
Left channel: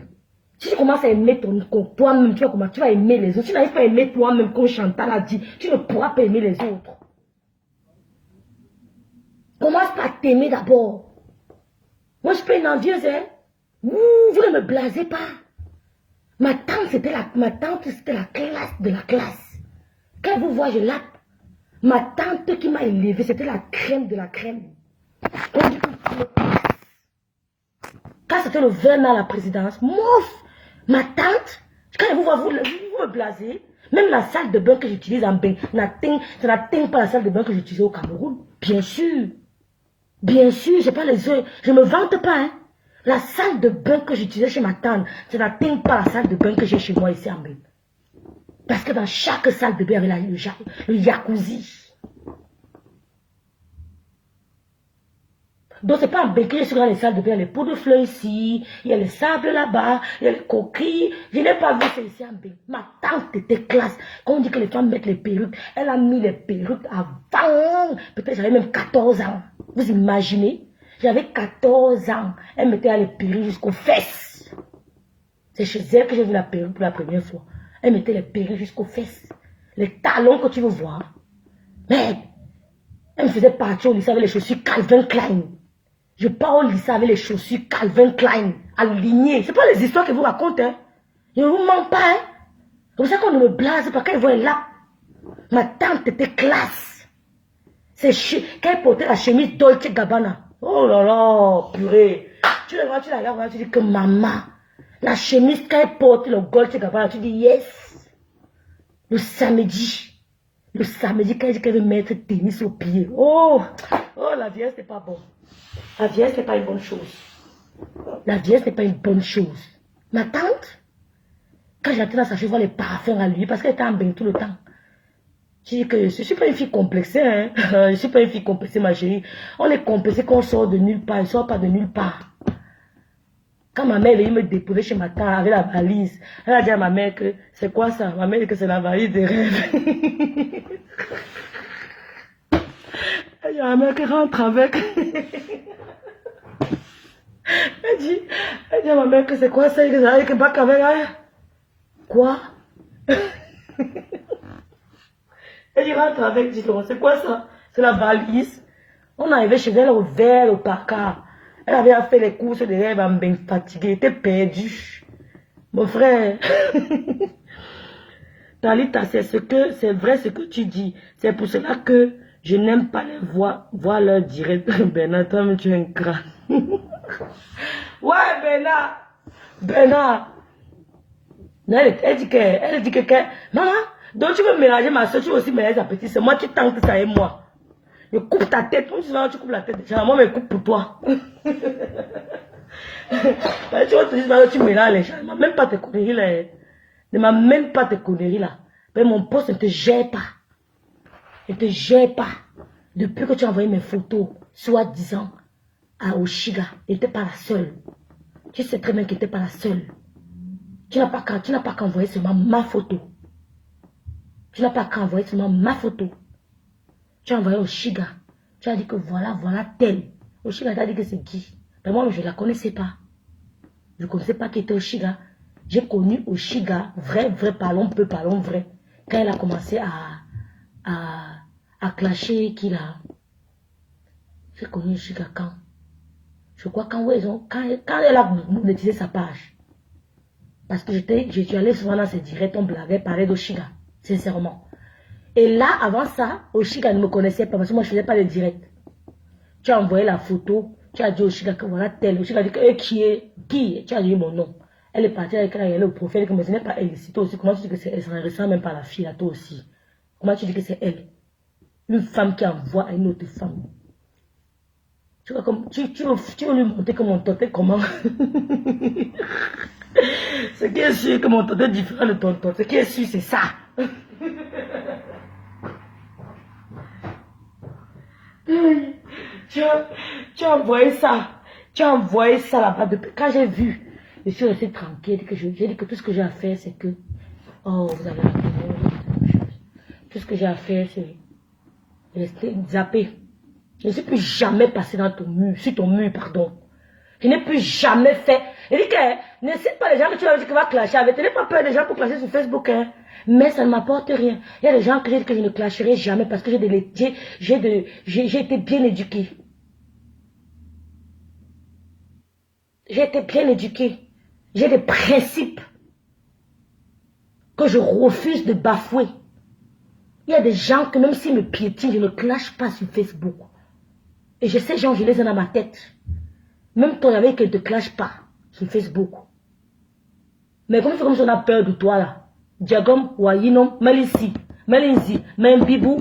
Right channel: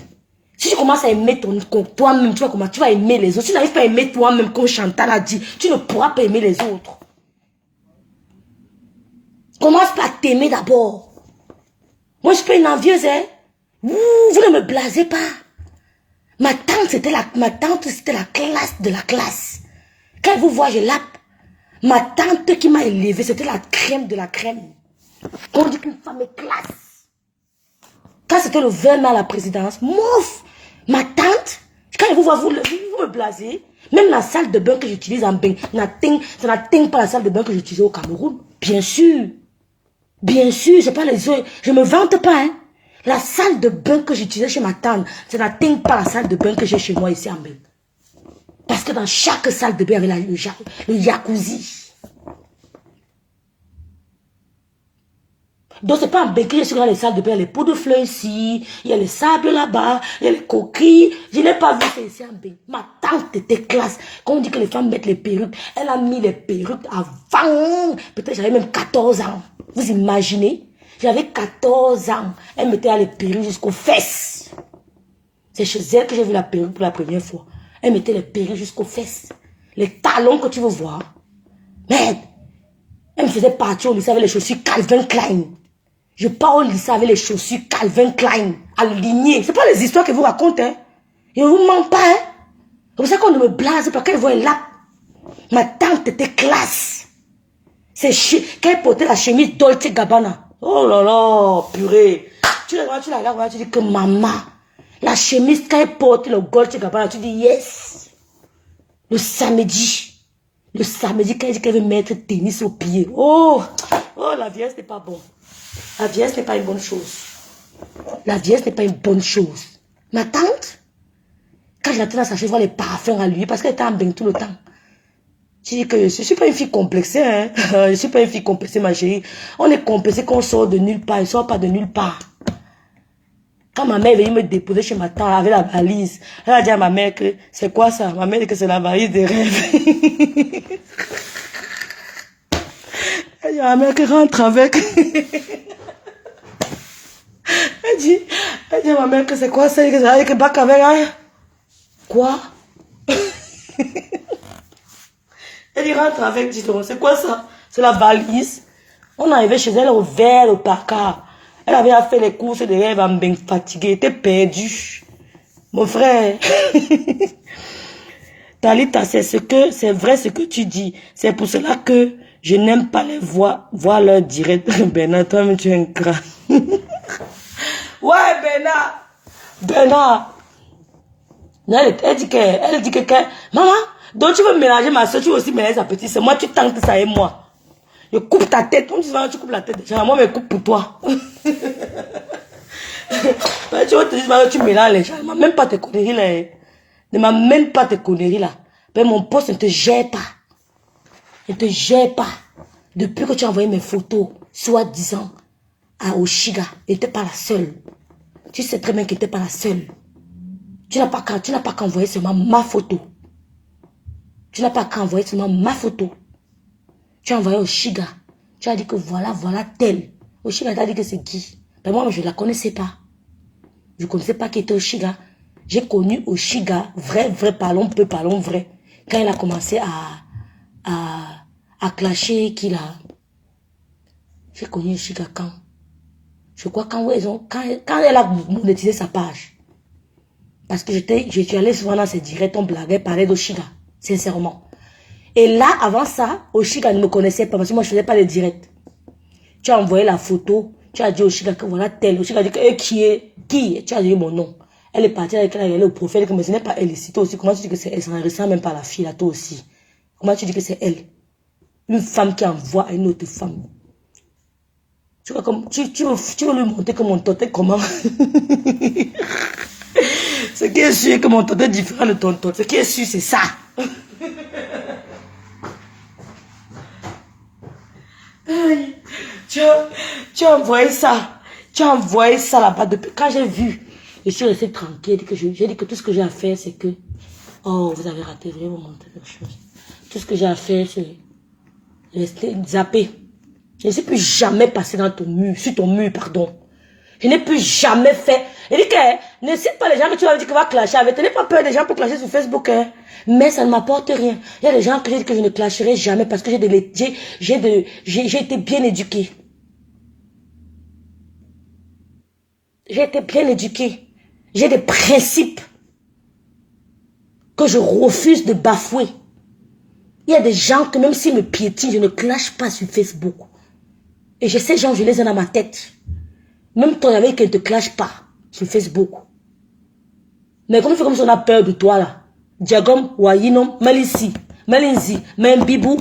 Si tu commences à aimer toi-même, tu vas aimer les autres. Si tu n'arrives pas à aimer toi-même, comme Chantal a dit, tu ne pourras pas aimer les autres. Commence par t'aimer d'abord. Moi, je suis pas une envieuse, hein. Vous ne me blasez pas. Ma tante, c'était la classe de la classe. Quand elle vous voit, je lappe. Ma tante qui m'a élevée, c'était la crème de la crème. On dit qu'une femme est classe. Quand c'était le 20 mai à la présidence, mouf. Ma tante, quand elle vous voit, vous me blasez. Même la salle de bain que j'utilise en bain, ça n'atteint pas la salle de bain que j'utilisais au Cameroun. Bien sûr. Bien sûr, j'ai pas les yeux. Je me vante pas, hein. La salle de bain que j'utilisais chez ma tante, ça n'atteint pas la salle de bain que j'ai chez moi ici en bain. Parce que dans chaque salle de bain, il y avait le jacuzzi. Donc, c'est pas en bain que je suis dans les salles de bain. Il y a les pots de fleurs ici, il y a le sable là-bas, il y a les coquilles. Je n'ai pas vu ça ici en bain. Ma tante était classe. Quand on dit que les femmes mettent les perruques, elle a mis les perruques avant. Peut-être j'avais même 14 ans. Vous imaginez? J'avais 14 ans. Elle mettait les perruques jusqu'aux fesses. C'est chez elle que j'ai vu la perruque pour la première fois. Elle mettait les perruques jusqu'aux fesses. Les talons que tu veux voir. Merde. Elle me faisait partir au lycée avec les chaussures Calvin Klein. Je pars au lycée avec les chaussures Calvin Klein. Alignées. Ce n'est pas les histoires que vous racontez. Hein. Je ne vous mens pas. Hein. C'est pour ça qu'on ne me blase pas. Quand elle voit là. Ma tante était classe. Quand elle portait la chemise Dolce Gabbana. Oh là là, purée. Tu la regardes, tu dis que maman. La chemise, quand elle porte le Dolce Gabbana, tu dis yes. Le samedi, quand elle dit qu'elle veut mettre tennis au pied. Oh, la vieillesse n'est pas bon. La vieillesse n'est pas une bonne chose. La vieillesse n'est pas une bonne chose. Ma tante, quand je la tenais dans sa chambre, je vois les parfums à lui parce qu'elle était en bain tout le temps. Je dis que je ne suis pas une fille complexée. Hein? Je ne suis pas une fille complexée, ma chérie. On est complexé quand on sort de nulle part. Il ne sort pas de nulle part. Quand ma mère est venue me déposer chez ma tante avec la valise, elle a dit à ma mère que c'est quoi ça? Ma mère dit que c'est la valise des rêves. Elle dit à ma mère que rentre avec. Elle dit à ma mère que c'est quoi ça? Elle dit que bac avec elle. Quoi? Elle dit rentre avec, dis donc, c'est quoi ça? C'est la valise. On est arrivé chez elle au vert, au placard. Elle avait fait les courses de rêve en bien fatiguée, elle était perdue. Mon frère. Talita, c'est vrai ce que tu dis. C'est pour cela que je n'aime pas les voir leur direct. Bernard, toi, tu es un crâne. Ouais, Bernard. Elle dit que, maman, donc tu veux mélanger ma soeur, tu veux aussi mélanger sa petite soeur. Moi, tu tentes ça et moi. Je coupe ta tête. Comme tu vas, tu coupes la tête. Moi, je coupe pour toi. Tu mélanges les gens. Même pas tes conneries là. Ne m'a même pas tes conneries là. Mais mon poste ne te gère pas. Ne te gère pas. Depuis que tu as envoyé mes photos, soi-disant, à Oshiga, elle n'était pas la seule. Tu sais très bien qu'elle n'était pas la seule. Tu n'as pas qu'à envoyer seulement ma photo. Tu n'as pas qu'à envoyer seulement ma photo. Tu as envoyé Oshiga. Tu as dit que voilà tel. Oshiga t'a dit que c'est qui? Mais moi, je ne la connaissais pas. Je ne connaissais pas qui était Oshiga. J'ai connu Oshiga, vrai, parlons vrai. Quand elle a commencé à clasher qui là. J'ai connu Oshiga quand? Je crois quand elle a monétisé sa page. Parce que j'étais allé souvent dans ses directs, on blaguait, parlait d'Oshiga. Sincèrement. Et là, avant ça, Oshika ne me connaissait pas parce que moi, je ne faisais pas les directs. Tu as envoyé la photo, tu as dit Oshika que voilà tel. Oshika a dit que qui est qui? Tu as dit mon nom. Elle est partie avec elle, elle est au profil, mais ce n'est pas elle ici. Toi aussi, comment tu dis que c'est elle? Ça ne ressemble même pas à la fille là, toi aussi. Comment tu dis que c'est elle? Une femme qui envoie à une autre femme. Tu veux lui montrer que mon tonton est comment? Ce qui est sûr, que mon tonton est différent de ton tonton. Ce qui est sûr, c'est ça. Tu as envoyé ça. Tu as envoyé ça là-bas. Quand j'ai vu, je suis restée tranquille. J'ai dit que tout ce que j'ai à faire, c'est que... Oh, vous avez raté vraiment quelque chose. Tout ce que j'ai à faire, c'est rester zappé. Je ne suis plus jamais passé dans ton mur, sur ton mur, pardon. Je n'ai plus jamais fait. Il dit que ne cite pas les gens que tu vas dire que va clasher avec. Tu n'as pas peur des gens pour clasher sur Facebook. Hein. Mais ça ne m'apporte rien. Il y a des gens que je ne clasherai jamais parce que j'ai été bien éduqué. J'ai été bien éduqué. J'ai des principes que je refuse de bafouer. Il y a des gens que même s'ils me piétinent, je ne clash pas sur Facebook. Et je sais, gens, je les ai dans ma tête. Même ton ami qui ne te clash pas sur Facebook. Mais comme si on a peur de toi là. Diagom, Wayinom, Melissi, Melinzi, Membibou,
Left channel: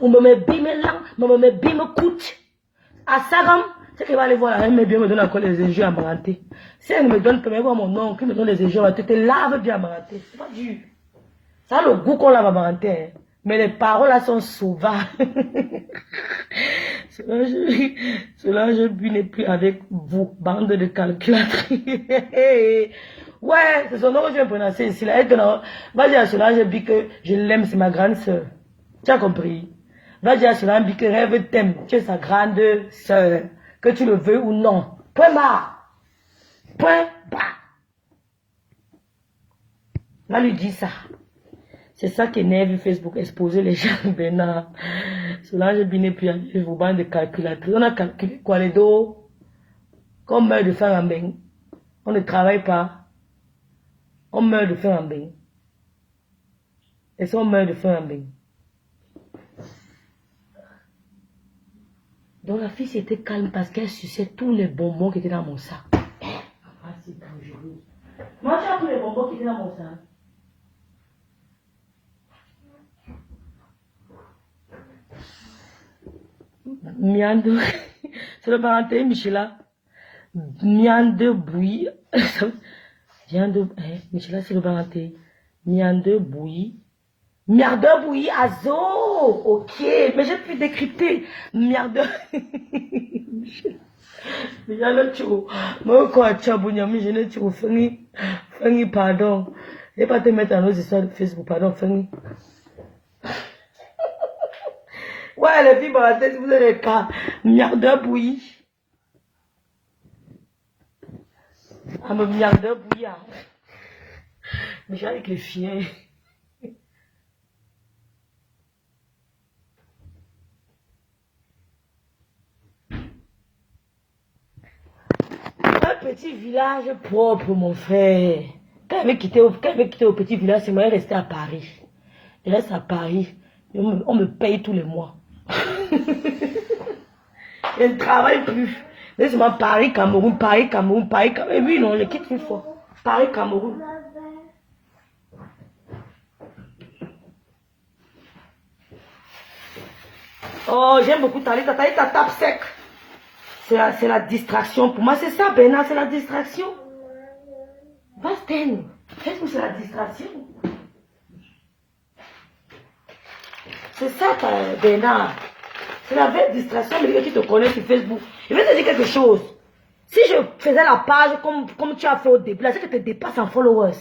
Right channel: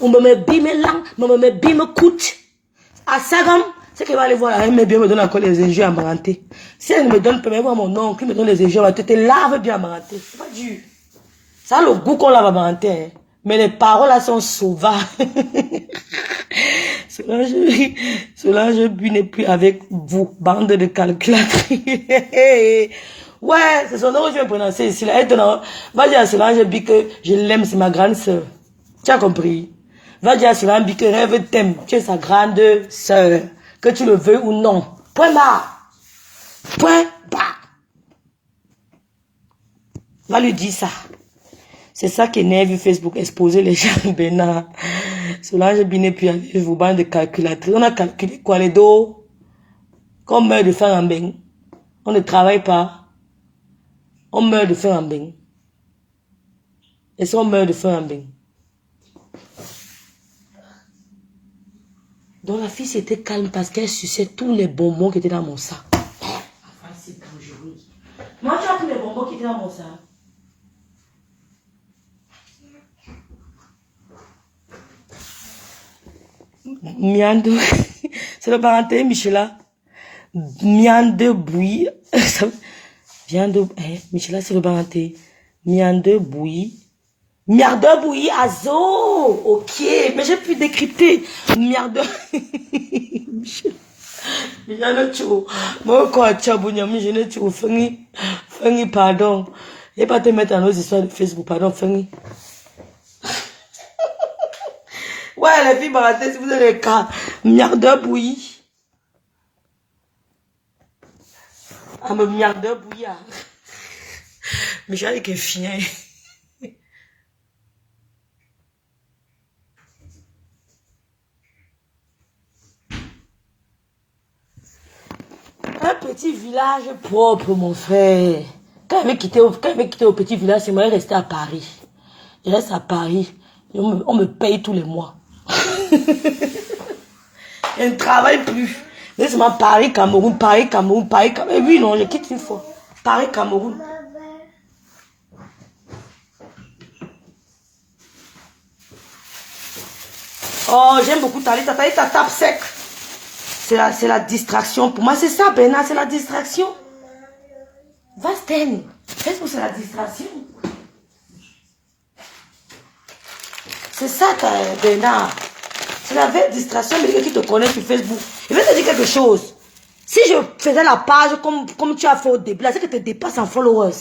ou me bimelang, me bimekout. À Sagam, c'est qu'elle va aller voir, elle me donne encore les injures amarantés. Si elle ne me donne pas, mais voir mon nom, qui me donne les injures, elle te lave bien amaranté. C'est pas dur. Ça a le goût qu'on lave amaranté. Hein. Mais les paroles là sont sauvages. Solange Bu n'est plus avec vous, bande de calculatrices. Ouais, c'est son nom que je vais prononcer ici. Là. Va dire à Solange Bu que je l'aime, c'est ma grande soeur. Tu as compris? Va dire à Solange Bu que rêve t'aime, tu es sa grande soeur. Que tu le veux ou non. Point barre. Point barre. Va lui dire ça. C'est ça qui énerve Facebook, exposer les gens de Bénin. Solange Bu n'est plus avec vous, bande de calculatrices. On a calculé quoi, les dos? Qu'on meurt de faim en bain. On ne travaille pas. On meurt de faim en bain. Et si on meurt de faim en bain? Donc la fille s'était calme parce qu'elle suçait tous les bonbons qui étaient dans mon sac. Ah, c'est dangereux. Moi, tu as tous les bonbons qui étaient dans mon sac. Miande, c'est le parenté, Michela. Miande bouillie. Viande, Michela, c'est le parenté. Miande bouillie. Miande bouillie, azo. Ok, mais j'ai pu décrypter. Miande. Michela, tu vois. Moi, tu as bouillie, mais je ne tu vois. Pardon. Je ne vais pas te mettre dans nos histoires de Facebook, pardon, Fanny. Ouais, les filles baratées, si vous avez les cas, miardeur bouilli. Ah, mais miardeur bouilli. Mais j'ai avec un chien. Un petit village propre, mon frère. Quand il avait quitté au petit village, c'est moi, il restait à Paris. Il reste à Paris. On me paye tous les mois. Je ne travaille plus. Laisse-moi Paris, Cameroun, Paris, Cameroun, Paris, Cameroun. Oui, non, je quitte une fois. Paris, Cameroun. Oh, j'aime beaucoup Talita. Talita tape sec. C'est la distraction. Pour moi, c'est ça, Bernard, c'est la distraction. Va-t'en. Qu'est-ce que c'est la distraction? C'est ça, Bernard. C'est la vraie distraction, mais qui te connaît sur Facebook. Je vais te dire quelque chose. Si je faisais la page comme tu as fait au début, c'est que tu dépasses en followers.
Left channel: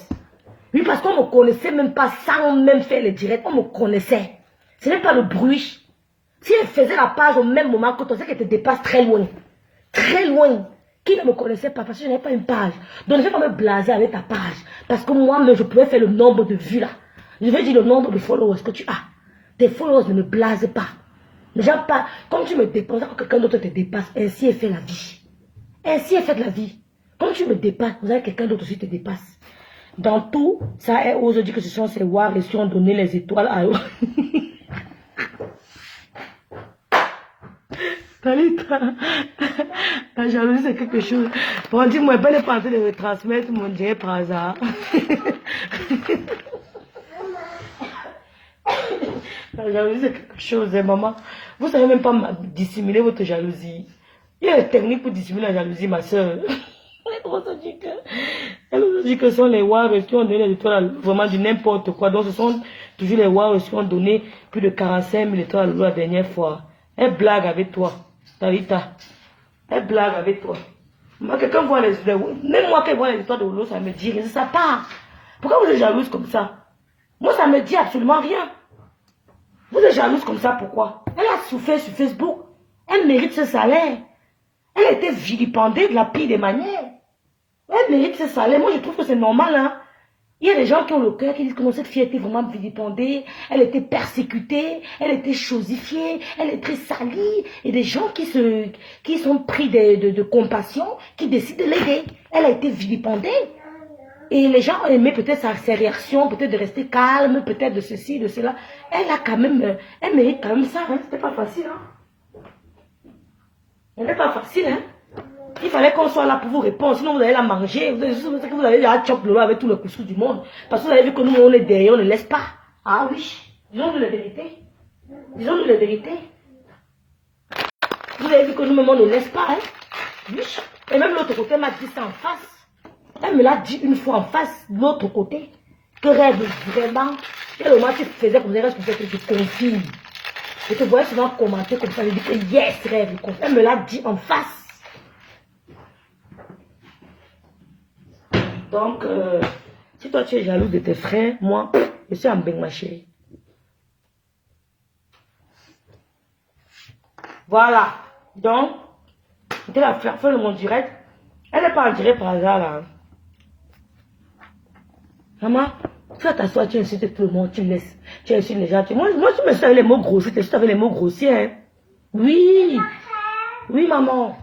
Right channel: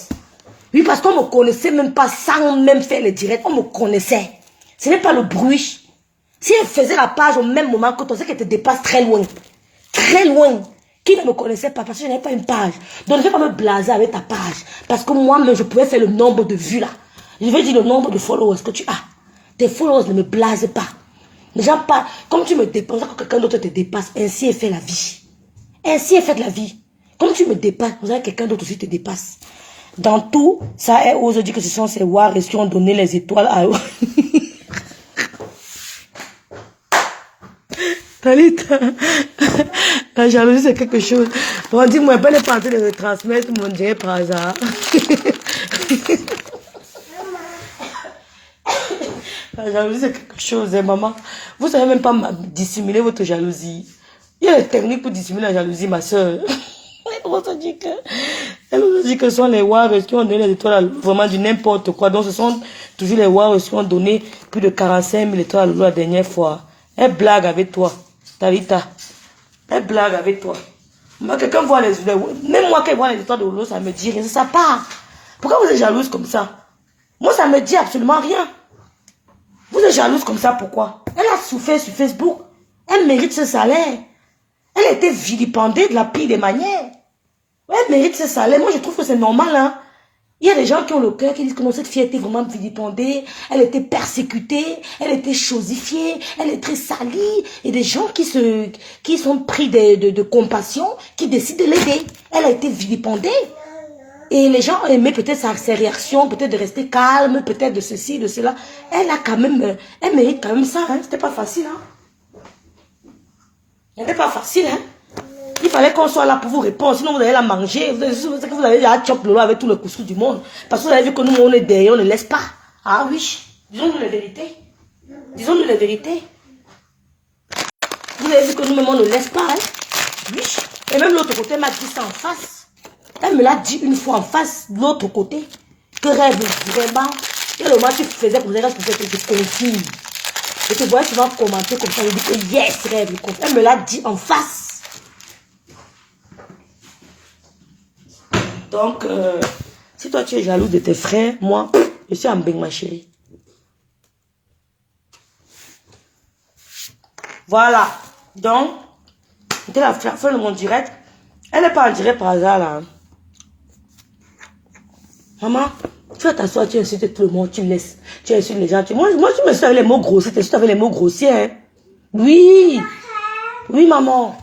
Oui, parce qu'on ne me connaissait même pas sans même faire le direct. On me connaissait. Ce n'est pas le bruit. Si elle faisait la page au même moment que toi, c'est qu'elle te dépasse très loin. Très loin. Qui ne me connaissait pas parce que je n'avais pas une page. Donc je ne vais pas me blaser avec ta page. Parce que moi-même, je pouvais faire le nombre de vues là. Je vais dire le nombre de followers que tu as. Tes followers ne me blasent pas. Déjà pas, comme tu me dépasses, quand quelqu'un d'autre te dépasse, ainsi est fait la vie. Ainsi est faite la vie. Comme tu me dépasses, vous avez quelqu'un d'autre aussi te dépasse. Dans tout, ça est ose dire que ce sont ces warriors qui ont donné les étoiles à eux. Talita, la jalousie c'est quelque chose. Bon, dis-moi, elle n'est pas en train de retransmettre mon direct par hasard. La jalousie c'est quelque chose, hein, maman. Vous savez même pas dissimuler votre jalousie. Il y a des techniques pour dissimuler la jalousie, ma soeur. Elle nous dit que ce sont les Warriors qui ont donné les étoiles, vraiment du n'importe quoi. Donc ce sont toujours les Warriors qui ont donné plus de 45 000 étoiles à Lolo la dernière fois. Elle blague avec toi, Talita. Elle blague avec toi. Moi, quelqu'un voit même moi qui vois les étoiles de Lolo, ça me dit rien. Ça part. Pourquoi vous êtes jalouse comme ça? Moi, ça me dit absolument rien. Vous êtes jalouse comme ça, pourquoi? Elle a souffert sur Facebook. Elle mérite ce salaire. Elle a été vilipendée de la pire des manières. Elle mérite ce salaire. Moi, je trouve que c'est normal. Hein. Il y a des gens qui ont le cœur, qui disent que non, cette fille était vraiment vilipendée. Elle était persécutée. Elle était chosifiée. Elle est très salie. Et des gens qui sont pris de compassion, qui décident de l'aider. Elle a été vilipendée. Et les gens aimaient peut-être ses réactions, peut-être de rester calme, peut-être de ceci, de cela. Elle a quand même, elle mérite quand même ça. Hein. C'était pas facile. Hein. C'était pas facile. Hein. Il fallait qu'on soit là pour vous répondre, sinon vous allez la manger. Vous allez la chop Lolo avec tout le couscous du monde. Parce que vous avez vu que nous, on est derrière, on ne laisse pas. Ah oui, disons-nous la vérité. Disons-nous la vérité. Vous avez vu que nous-mêmes, on ne laisse pas. Hein? Oui. Et même l'autre côté m'a dit ça en face. Elle me l'a dit une fois en face, de l'autre côté. Que rêve, vraiment. Quel moment tu faisais pour dire que je te confirme. Je te voyais souvent commenter comme ça. Je dis que yes, rêve. Elle me l'a dit en face. Donc, si toi tu es jaloux de tes frères, moi, je suis en bain, ma chérie. Voilà. Donc, c'était la fin de mon direct. Elle n'est pas en direct par hasard, là. Maman, tu vas t'asseoir, tu insultes tout le monde, tu laisses, tu insultes les gens. Moi, tu me suis avec les mots grossiers, tu insultes avec les mots grossiers. Hein? Oui. Oui, maman.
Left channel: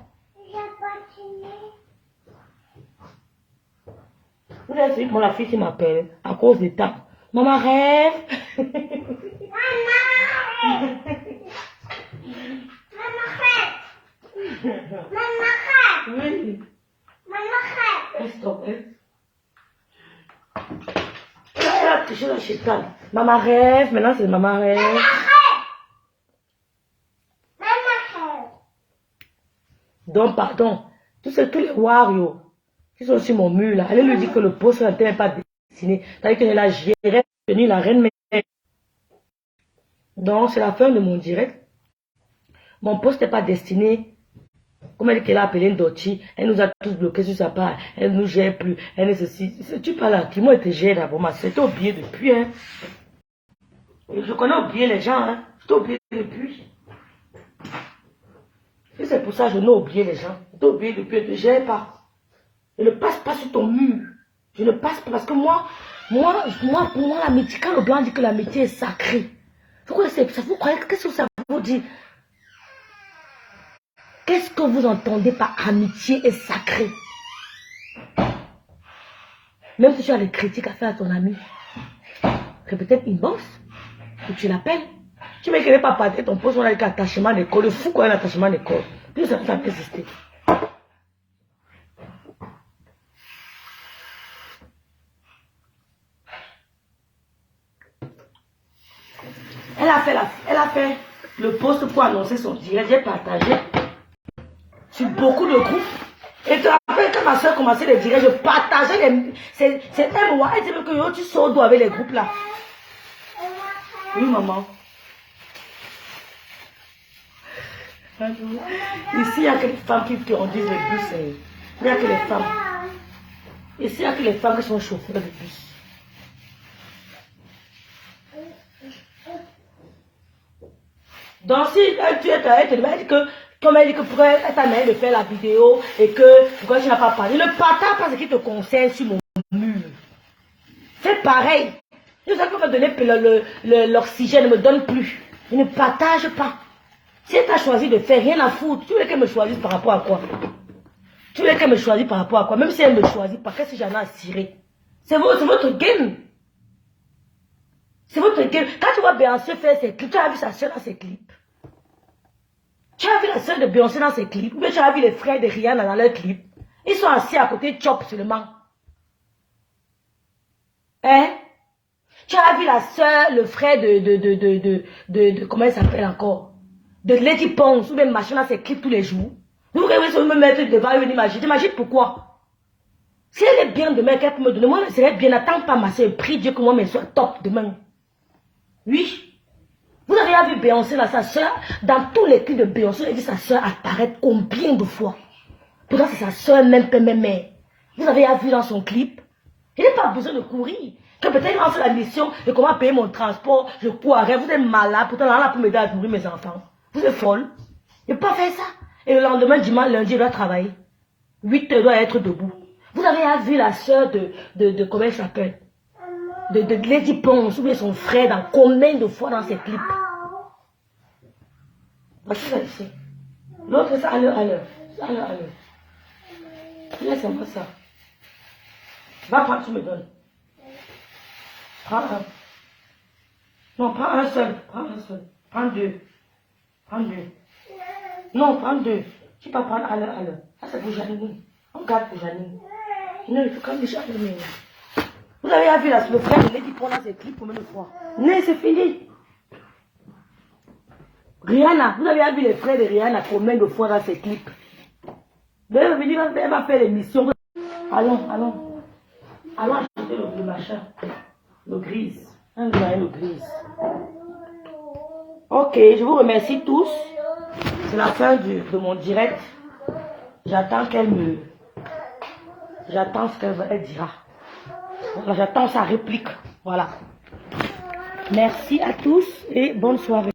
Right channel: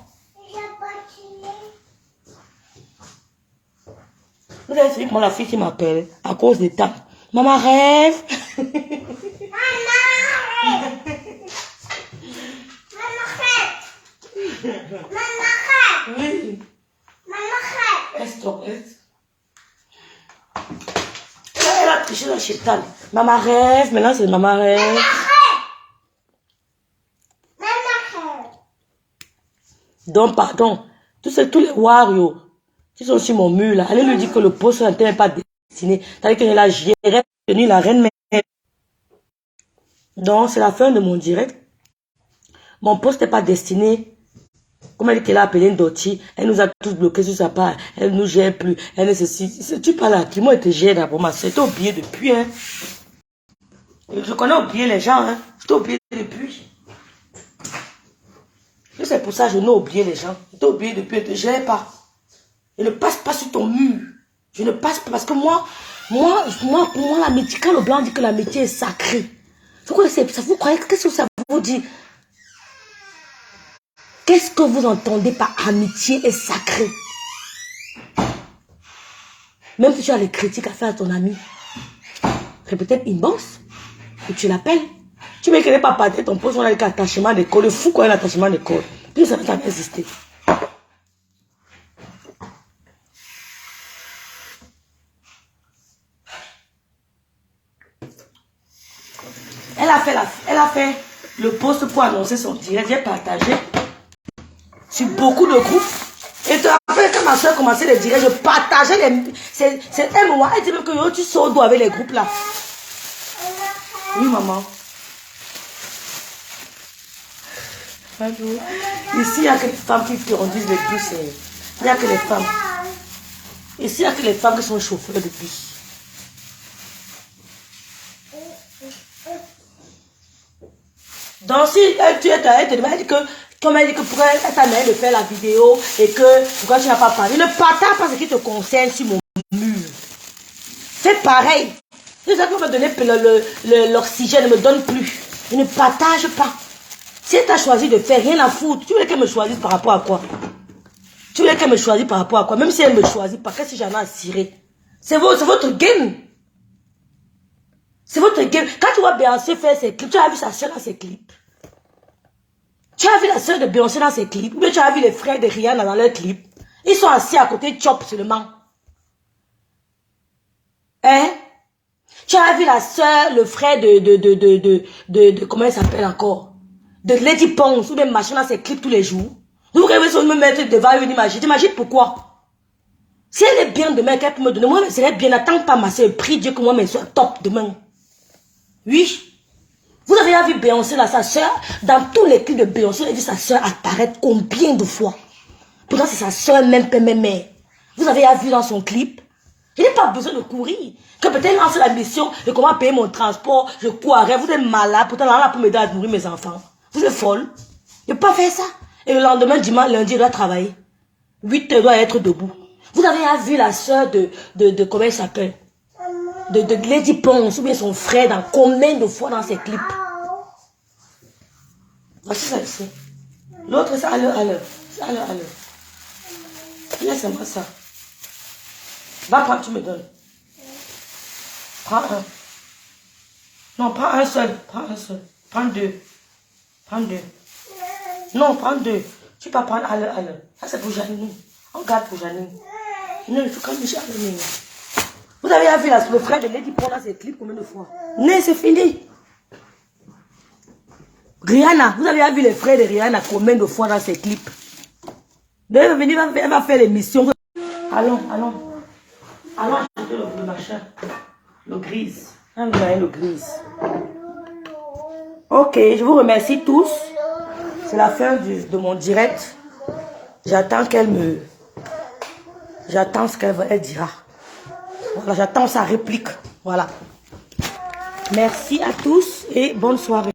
Vous avez vu, moi, la fille qui m'appelle à cause des temps. Maman rêve. Maman rêve. Oui. Maman rêve. Elle a touché le chétan. Maman rêve, maintenant c'est maman rêve. Maman rêve. Donc, pardon, tous les warriors qui sont sur mon mur là, allez lui dire que le poste n'est pas destiné. C'est-à-dire qu'elle a géré la reine mère. Donc, c'est la fin de mon direct. Mon poste n'est pas destiné. Comme elle a appelé Ndoti, elle nous a tous bloqués sur sa part. Elle ne nous gère plus. Elle nécessite. Tu parles à qui? Moi, elle te gère d'abord. Ma soeur, t'es oublié depuis. Hein. Je connais oublier les gens. Hein. Je t'ai oublié depuis. C'est pour ça que je n'ai oublié les gens. Je t'ai oublié depuis. Elle ne te gère pas. Elle ne passe pas sur ton mur. Je ne passe pas parce que moi, pour moi, l'amitié, quand le blanc dit que l'amitié est sacrée, vous croyez, qu'est-ce que ça vous dit? Qu'est-ce que vous entendez par amitié et sacré? Même si tu as les critiques à faire à ton ami, c'est peut-être une bosse, ou tu l'appelles. Tu ne veux pas partir ton poste, on a un attachement d'école, le fou quoi un attachement d'école. Puis ça peut exister. Elle a fait le poste pour annoncer son direct, j'ai partagé sur beaucoup de groupes. Et après, quand ma soeur commençait les directs, je partageais les... C'est un moment, elle dit même que yo, tu sors d'où avec les groupes là. Oui, maman. Ici, il n'y a que les femmes qui conduisent les bus. Il n'y a que les femmes. Ici, il n'y a que les femmes qui sont chauffeurs de bus. Donc, si tu es elle te dit que, comme elle dit que pourquoi elle t'a demandé de faire la vidéo et que pourquoi tu n'as pas parlé, ne partage pas ce qui te concerne sur mon mur. Fais pareil. Si ça me donner l'oxygène, ne me donne plus. Je ne partage pas. Si elle t'a choisi de faire rien à foutre, tu voulais qu'elle me choisisse par rapport à quoi? Tu voulais qu'elle me choisisse par rapport à quoi? Même si elle me choisit pas, qu'est-ce que j'en ai à cirer? C'est votre game. C'est votre game. Quand tu vois Béancé faire ses clips, tu as vu sa soeur à ses clips. Tu as vu la soeur de Beyoncé dans ses clips? Ou bien tu as vu les frères de Rihanna dans leurs clips? Ils sont assis à côté de Chop seulement. Hein? Tu as vu la soeur, le frère de comment elle s'appelle encore? De Lady Pons ou des machins dans ses clips tous les jours. Vous rêvez sur me mettre devant une image. T'imagines pourquoi? Si elle est bien demain, qu'elle peut me donner, moi, je serais bien. N'attends pas ma soeur. Prie Dieu que moi, je sois top demain. Oui. Vous avez vu Beyoncé là, sa soeur, dans tous les clips de Beyoncé, vous avez vu sa soeur apparaître combien de fois? Pourtant, c'est sa soeur même, mère. Vous avez vu dans son clip? Je n'ai pas besoin de courir. Que peut-être lance la mission de comment payer mon transport, je courrais, vous êtes malade, pourtant là, pour m'aider à nourrir mes enfants. Vous êtes folle. Je ne peux pas faire ça. Et le lendemain, dimanche, lundi, je dois travailler. 8 heures, je dois être debout. Vous avez vu la soeur de comment elle s'appelle? De Lady Pons, ou bien son frère, dans combien de fois dans ses clips? Voici celle-ci. L'autre, c'est à l'heure. C'est à l'heure. Laisse-moi ça. Va quand tu me donnes. Prends un. Non, prends un seul. Prends un seul. Prends deux. Prends deux. Non, prends deux. Tu peux prendre à l'heure. Ça, c'est pour Janine. On garde pour Janine. Non, il faut quand même Janine. Vous avez vu le frère de Lady Pons dans ses clips combien de fois? Non, c'est fini. Rihanna, vous avez vu les frères de Rihanna combien de fois dans ses clips? Elle va faire l'émission. Allons. Allons acheter le machin. Le grise. Le grise. Ok, je vous remercie tous. C'est la fin de mon direct. J'attends qu'elle me... J'attends ce qu'elle dira. Voilà, j'attends sa réplique. Voilà. Merci à tous et bonne soirée.